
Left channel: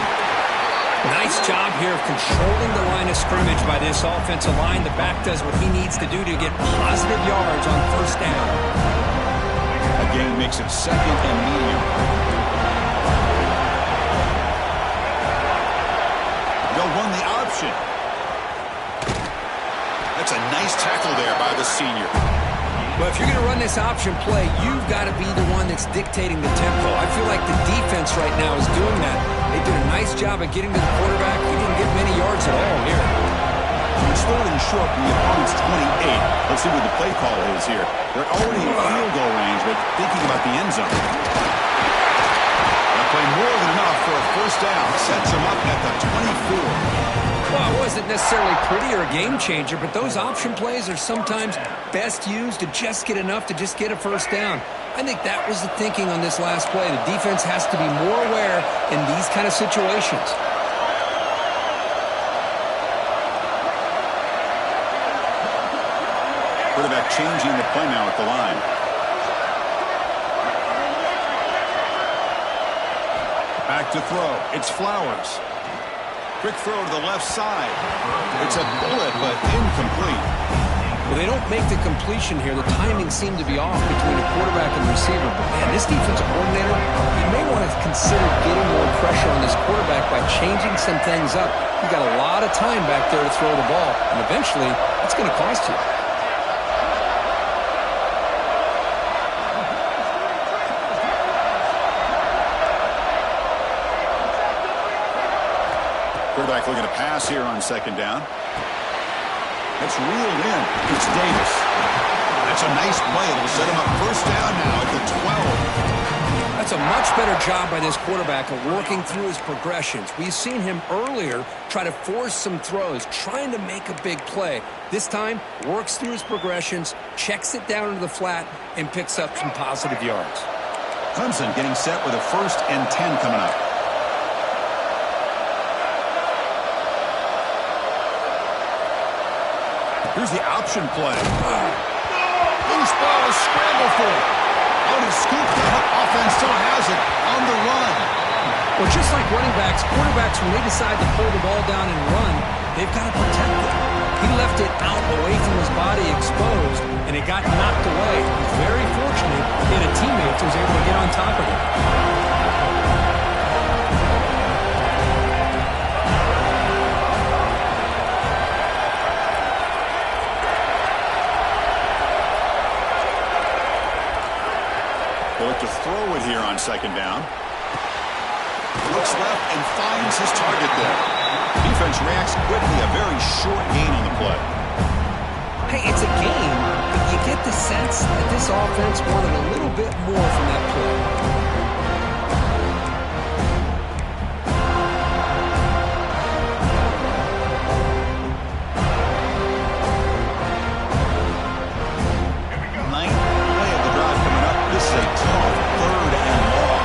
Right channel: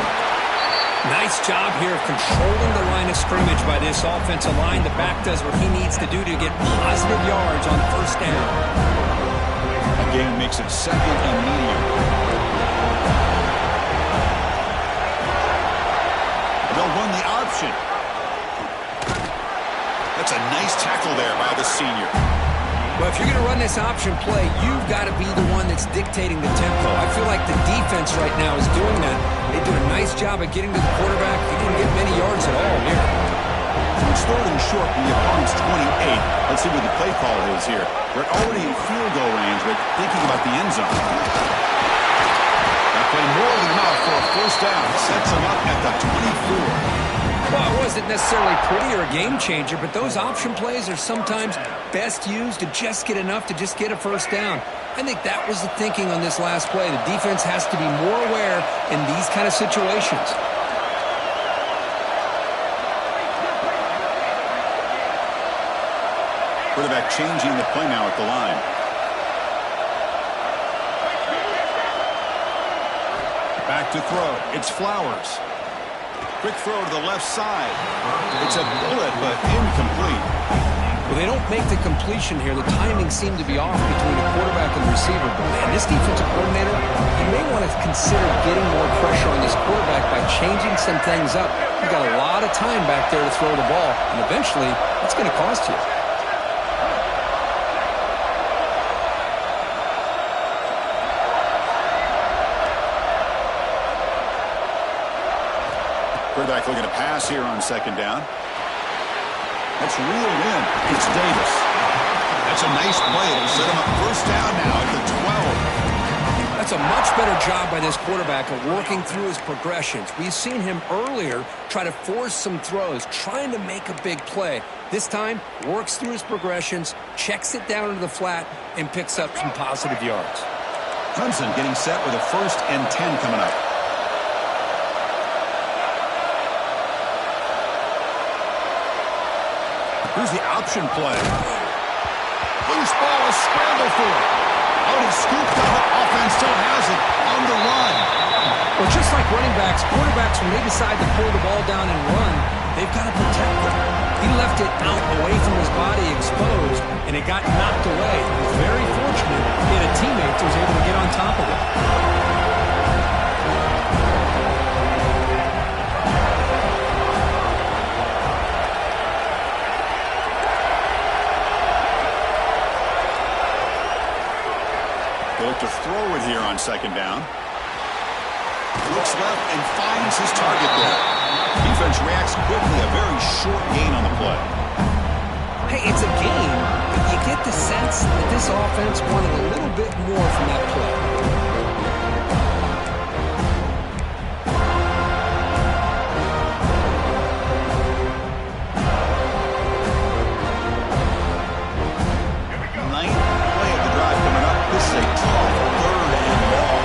Nice job here of controlling the line of scrimmage by this offensive line. The back does what he needs to do to get positive yards on first down. A gain makes it second and medium. They'll run the option. That's a nice tackle there by the senior. Well, if you're going to run this option play, you've got to be the one that's dictating the tempo. I feel like the defense right now is doing that. They did a nice job of getting to the quarterback. He didn't get many yards at all here. So it's third and short from the opponent's 28. Let's see what the play call is here. They're already in field goal range, but thinking about the end zone. That play more than enough for a first down. Sets them up at the 24. Well, it wasn't necessarily pretty or a game changer, but those option plays are sometimes best used to just get enough to just get a first down. I think that was the thinking on this last play. The defense has to be more aware in these kind of situations. Quarterback changing the play now at the line. Back to throw. It's Flowers. Quick throw to the left side. It's a bullet, but incomplete. Well, they don't make the completion here. The timing seemed to be off between a quarterback and the receiver. But, man, this defensive coordinator, he may want to consider getting more pressure on this quarterback by changing some things up. You've got a lot of time back there to throw the ball, and eventually that's going to cost you. Quarterback looking to pass here on second down. That's reeled in. It's Davis. That's a nice play. It'll set him up first down now at the 12. That's a much better job by this quarterback of working through his progressions. We've seen him earlier try to force some throws, trying to make a big play. This time, works through his progressions, checks it down into the flat, and picks up some positive yards. Clemson getting set with a 1st and 10 coming up. Here's the option play. Loose ball, a scramble for it. Out is scooped up. Offense still has it on the run. Well, just like running backs, quarterbacks, when they decide to pull the ball down and run, they've got to protect it. He left it out away from his body exposed, and it got knocked away. He was very fortunate he had a teammate that was able to get on top of it. They look to throw it here on second down. Looks left and finds his target there. Defense reacts quickly. A very short gain on the play. Hey, it's a game, but you get the sense that this offense wanted a little bit more from that play. This is a tough 3rd and long.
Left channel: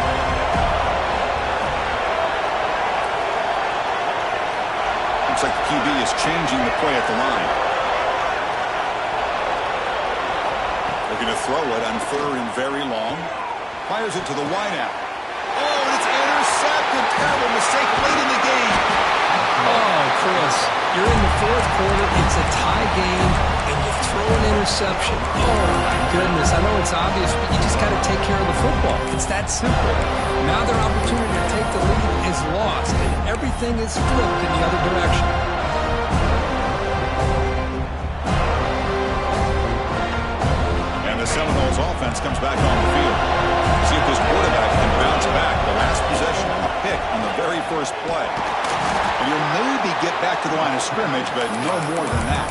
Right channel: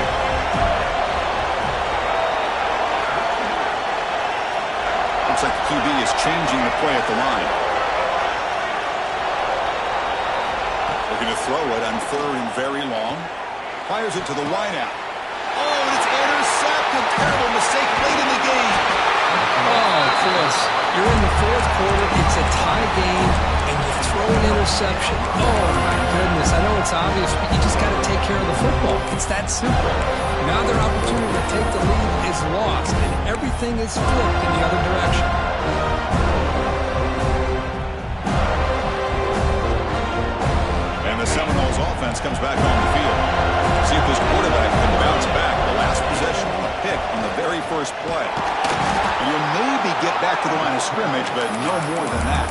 Looks like the QB is changing the play at the line. Looking to throw it on 3rd and very long. Fires it to the wideout. Oh, and it's intercepted. Terrible mistake late in the game. Oh, Chris, you're in the 4th quarter. It's a tie game, and you throw an interception. Oh, my goodness. I know it's obvious, but you just got to take care of the football. It's that simple. Now their opportunity to take the lead is lost, and everything is flipped in the other direction. And the Seminoles offense comes back on the field. See if this quarterback can bounce back. The last possession, a pick on the very first play. And you'll maybe get back to the line of scrimmage, but no more than that.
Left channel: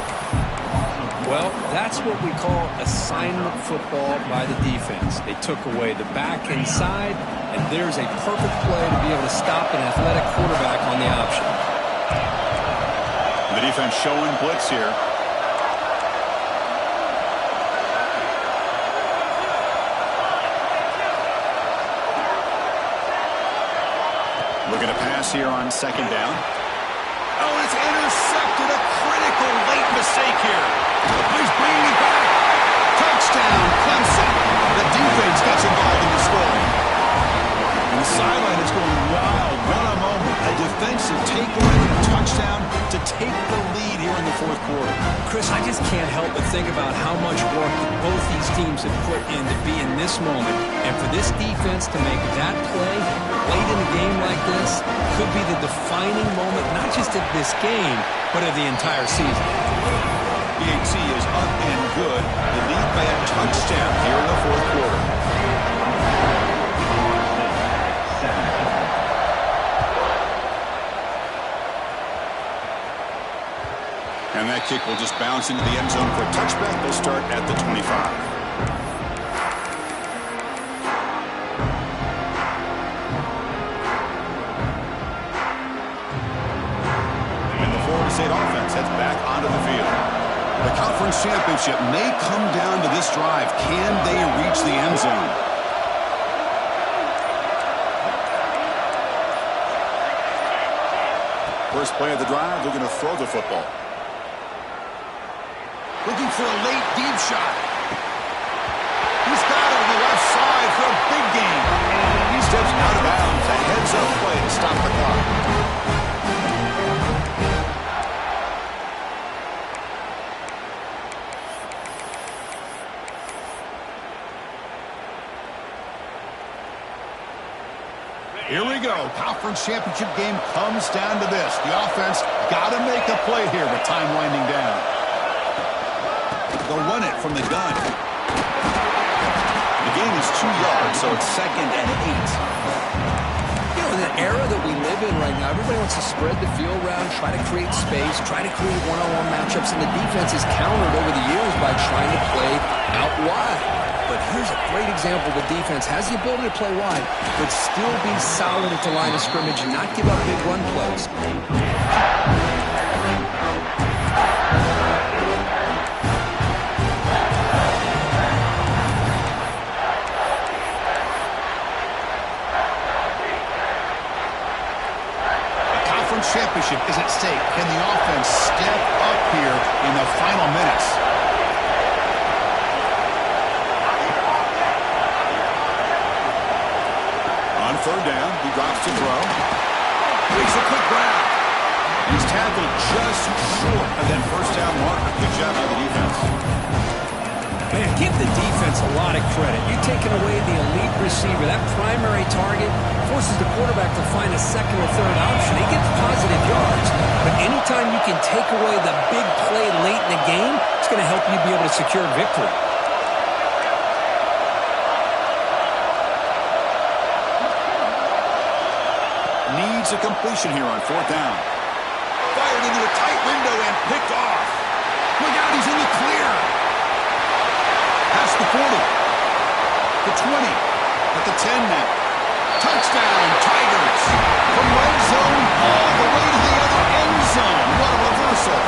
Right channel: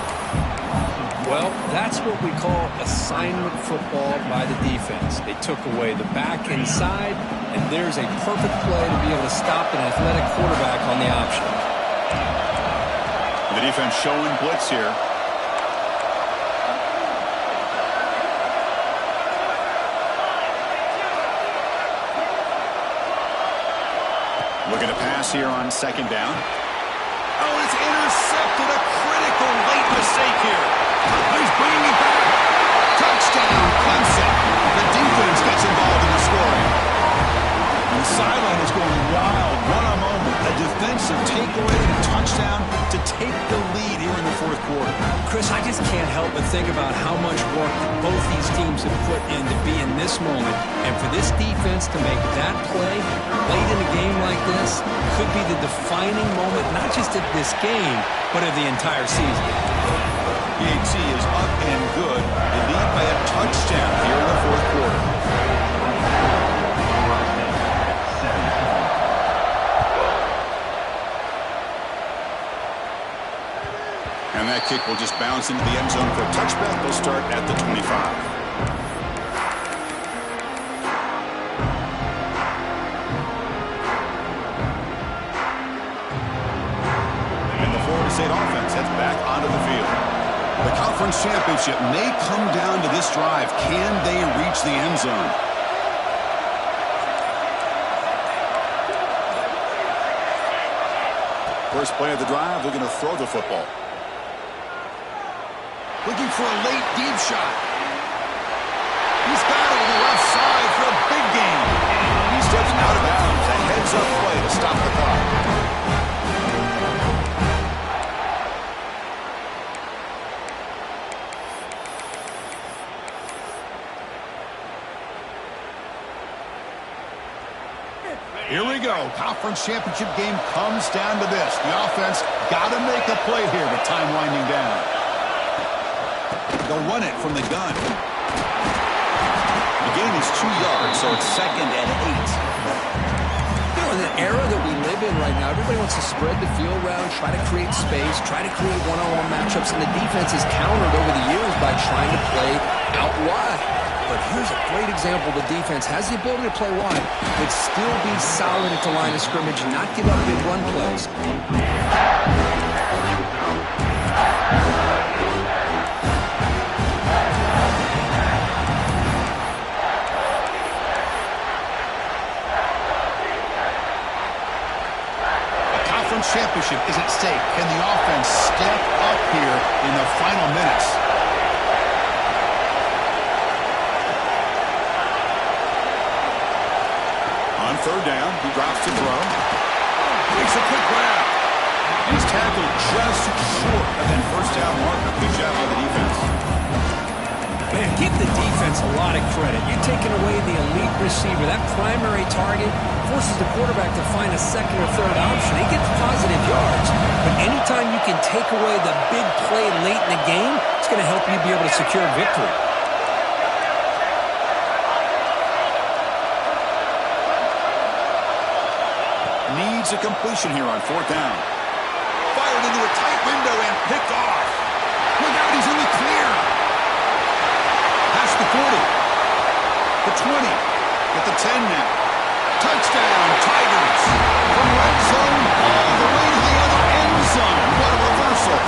Well, that's what we call assignment football by the defense. They took away the back inside, and there's a perfect play to be able to stop an athletic quarterback on the option. The defense showing blitz here. Looking to pass here on second down. Oh, it's intercepted. A critical late mistake here. He's bringing it back. Touchdown, Clemson. The defense gets involved in the scoring. And the sideline is going wild. What a moment. A defensive takeaway and a touchdown to take the lead here in the fourth quarter. Chris, I just can't help but think about how much work that both these teams have put in to be in this moment. And for this defense to make that play late in a game like this could be the defining moment, not just of this game, but of the entire season. PAT is up and good. They lead by a touchdown here in the fourth quarter. And that kick will just bounce into the end zone for a touchback. They'll start at the 25. And the Florida State offense heads back onto the field. The conference championship may come down to this drive. Can they reach the end zone? First play of the drive, looking to throw the football. Looking for a late deep shot. He's got it on the left side for a big gain. He steps out of bounds. A heads-up play to stop the clock. Here we go. Conference championship game comes down to this. The offense got to make a play here with time winding down. They'll run it from the gun. The gain is 2 yards, so it's 2nd and 8. You know, in the era that we live in right now, everybody wants to spread the field around, try to create space, try to create one-on-one matchups, and the defense is countered over the years by trying to play out wide. But here's a great example. The defense has the ability to play wide, but still be solid at the line of scrimmage and not give up big run plays. Championship is at stake. Can the offense step up here in the final minutes? On third down, he drops to throw. Makes a quick grab. He's tackled just short of that first down marker. Good job by the defense. Man, give the defense a lot of credit. You're taking away the elite receiver. That primary target forces the quarterback to find a second or third option. He gets positive yards, but anytime you can take away the big play late in the game, it's going to help you be able to secure victory. Needs a completion here on fourth down. Fired into a tight window and picked off. Look out, he's in the clear. Past the 40. The 20. At the 10 now. Touchdown, Tigers. From red zone all the way to the other end zone. What a reversal.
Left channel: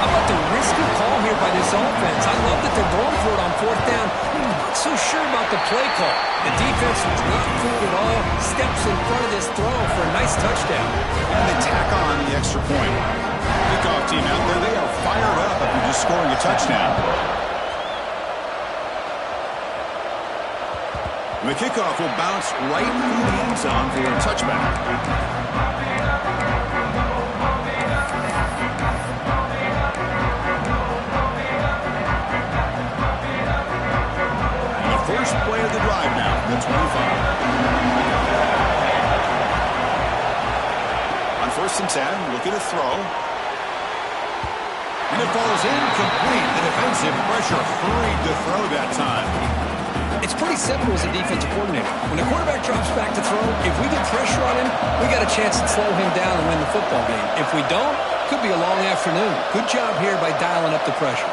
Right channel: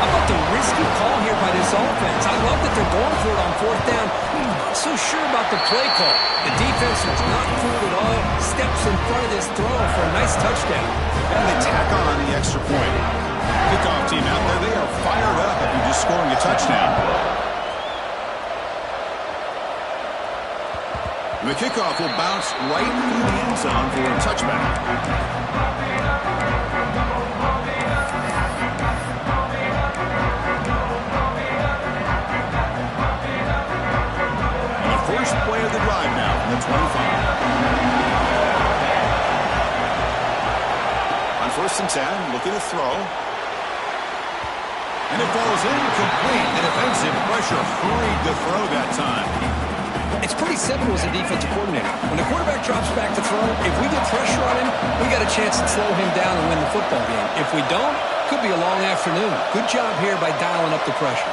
How about the risky call here by this offense? I love that they're going for it on fourth down. I'm not so sure about the play call. The defense was not fooled at all. Steps in front of this throw for a nice touchdown. And they tack on the extra point. Kickoff team out there, they are fired up after just scoring a touchdown. The kickoff will bounce right through the end zone for a touchback. First play of the drive now, the 25. On 1st and 10, looking to throw. And it falls incomplete. The defensive pressure hurried to throw that time. It's pretty simple as a defensive coordinator. When the quarterback drops back to throw, if we get pressure on him, we got a chance to slow him down and win the football game. If we don't, could be a long afternoon. Good job here by dialing up the pressure.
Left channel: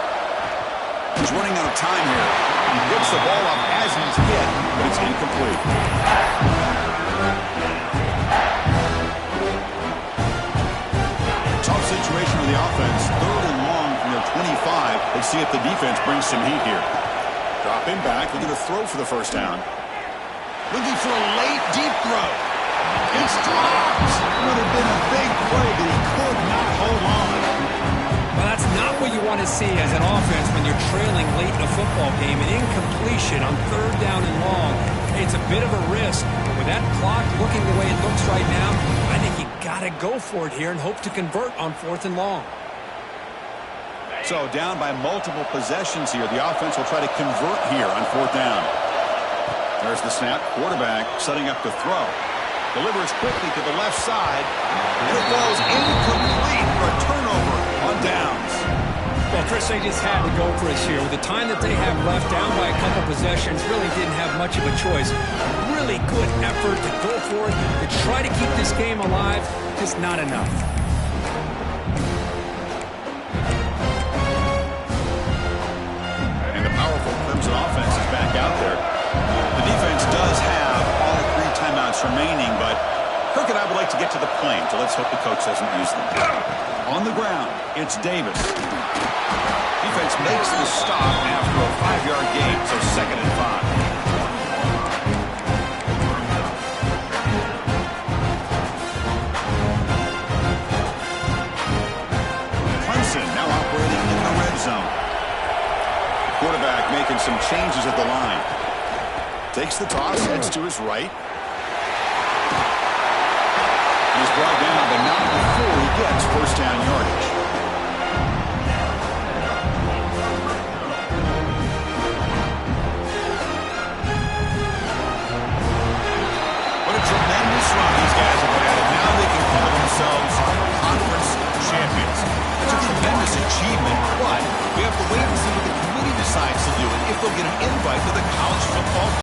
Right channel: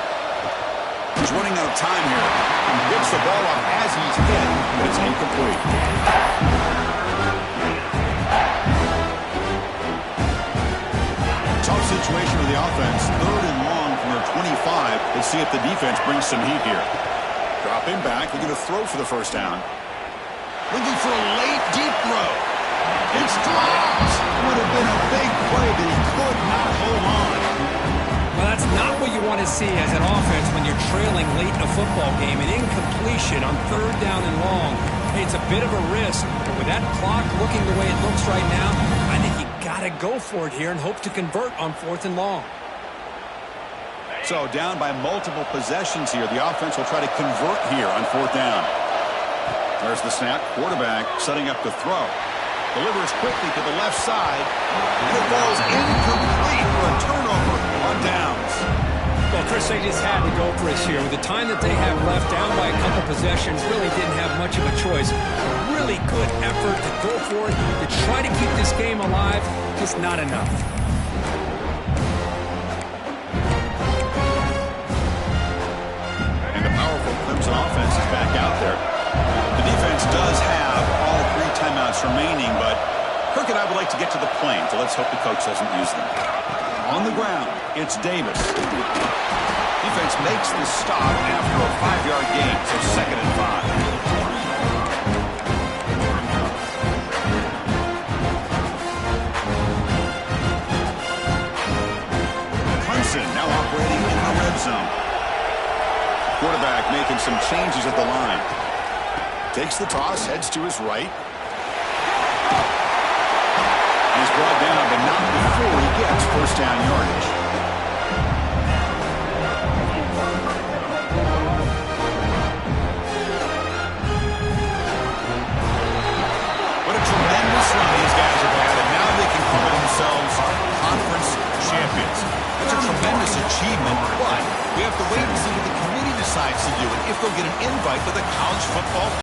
He's running out of time here. He gets the ball up as he's hit, but it's incomplete. Tough situation for the offense. 3rd and long from their 25. Let's see if the defense brings some heat here. Dropping back, looking to throw for the first down. Looking for a late deep throw. It's dropped. Would have been a big play, but he could not hold on. Well, that's not what you want to see as an offense when you're trailing late in a football game. An incompletion on third down and long. Hey, it's a bit of a risk, but with that clock looking the way it looks right now, I think you got to go for it here and hope to convert on 4th and long. So down by multiple possessions here. The offense will try to convert here on 4th down. There's the snap. Quarterback setting up to throw. Delivers quickly to the left side, and it falls incomplete for a turnover on downs. Well, Chris, they just had to go for it here. With the time that they have left, down by a couple possessions, really didn't have much of a choice. A really good effort to go for it, to try to keep this game alive, just not enough. And the powerful Clemson offense is back out there. The defense does have all 3 timeouts remaining, but Kirk and I would like to get to the plane, so let's hope the coach doesn't use them. On the ground, it's Davis. Defense makes the stop after a 5-yard gain, so 2nd and 5. Clemson now operating in the red zone. Quarterback making some changes at the line. Takes the toss, heads to his right. He's brought down, but not before he gets 1st down yardage. What a tremendous run these guys have had, and now they can call themselves conference champions. It's a tremendous achievement, but we have to wait and see what the committee decides to do and if they'll get an invite to the college football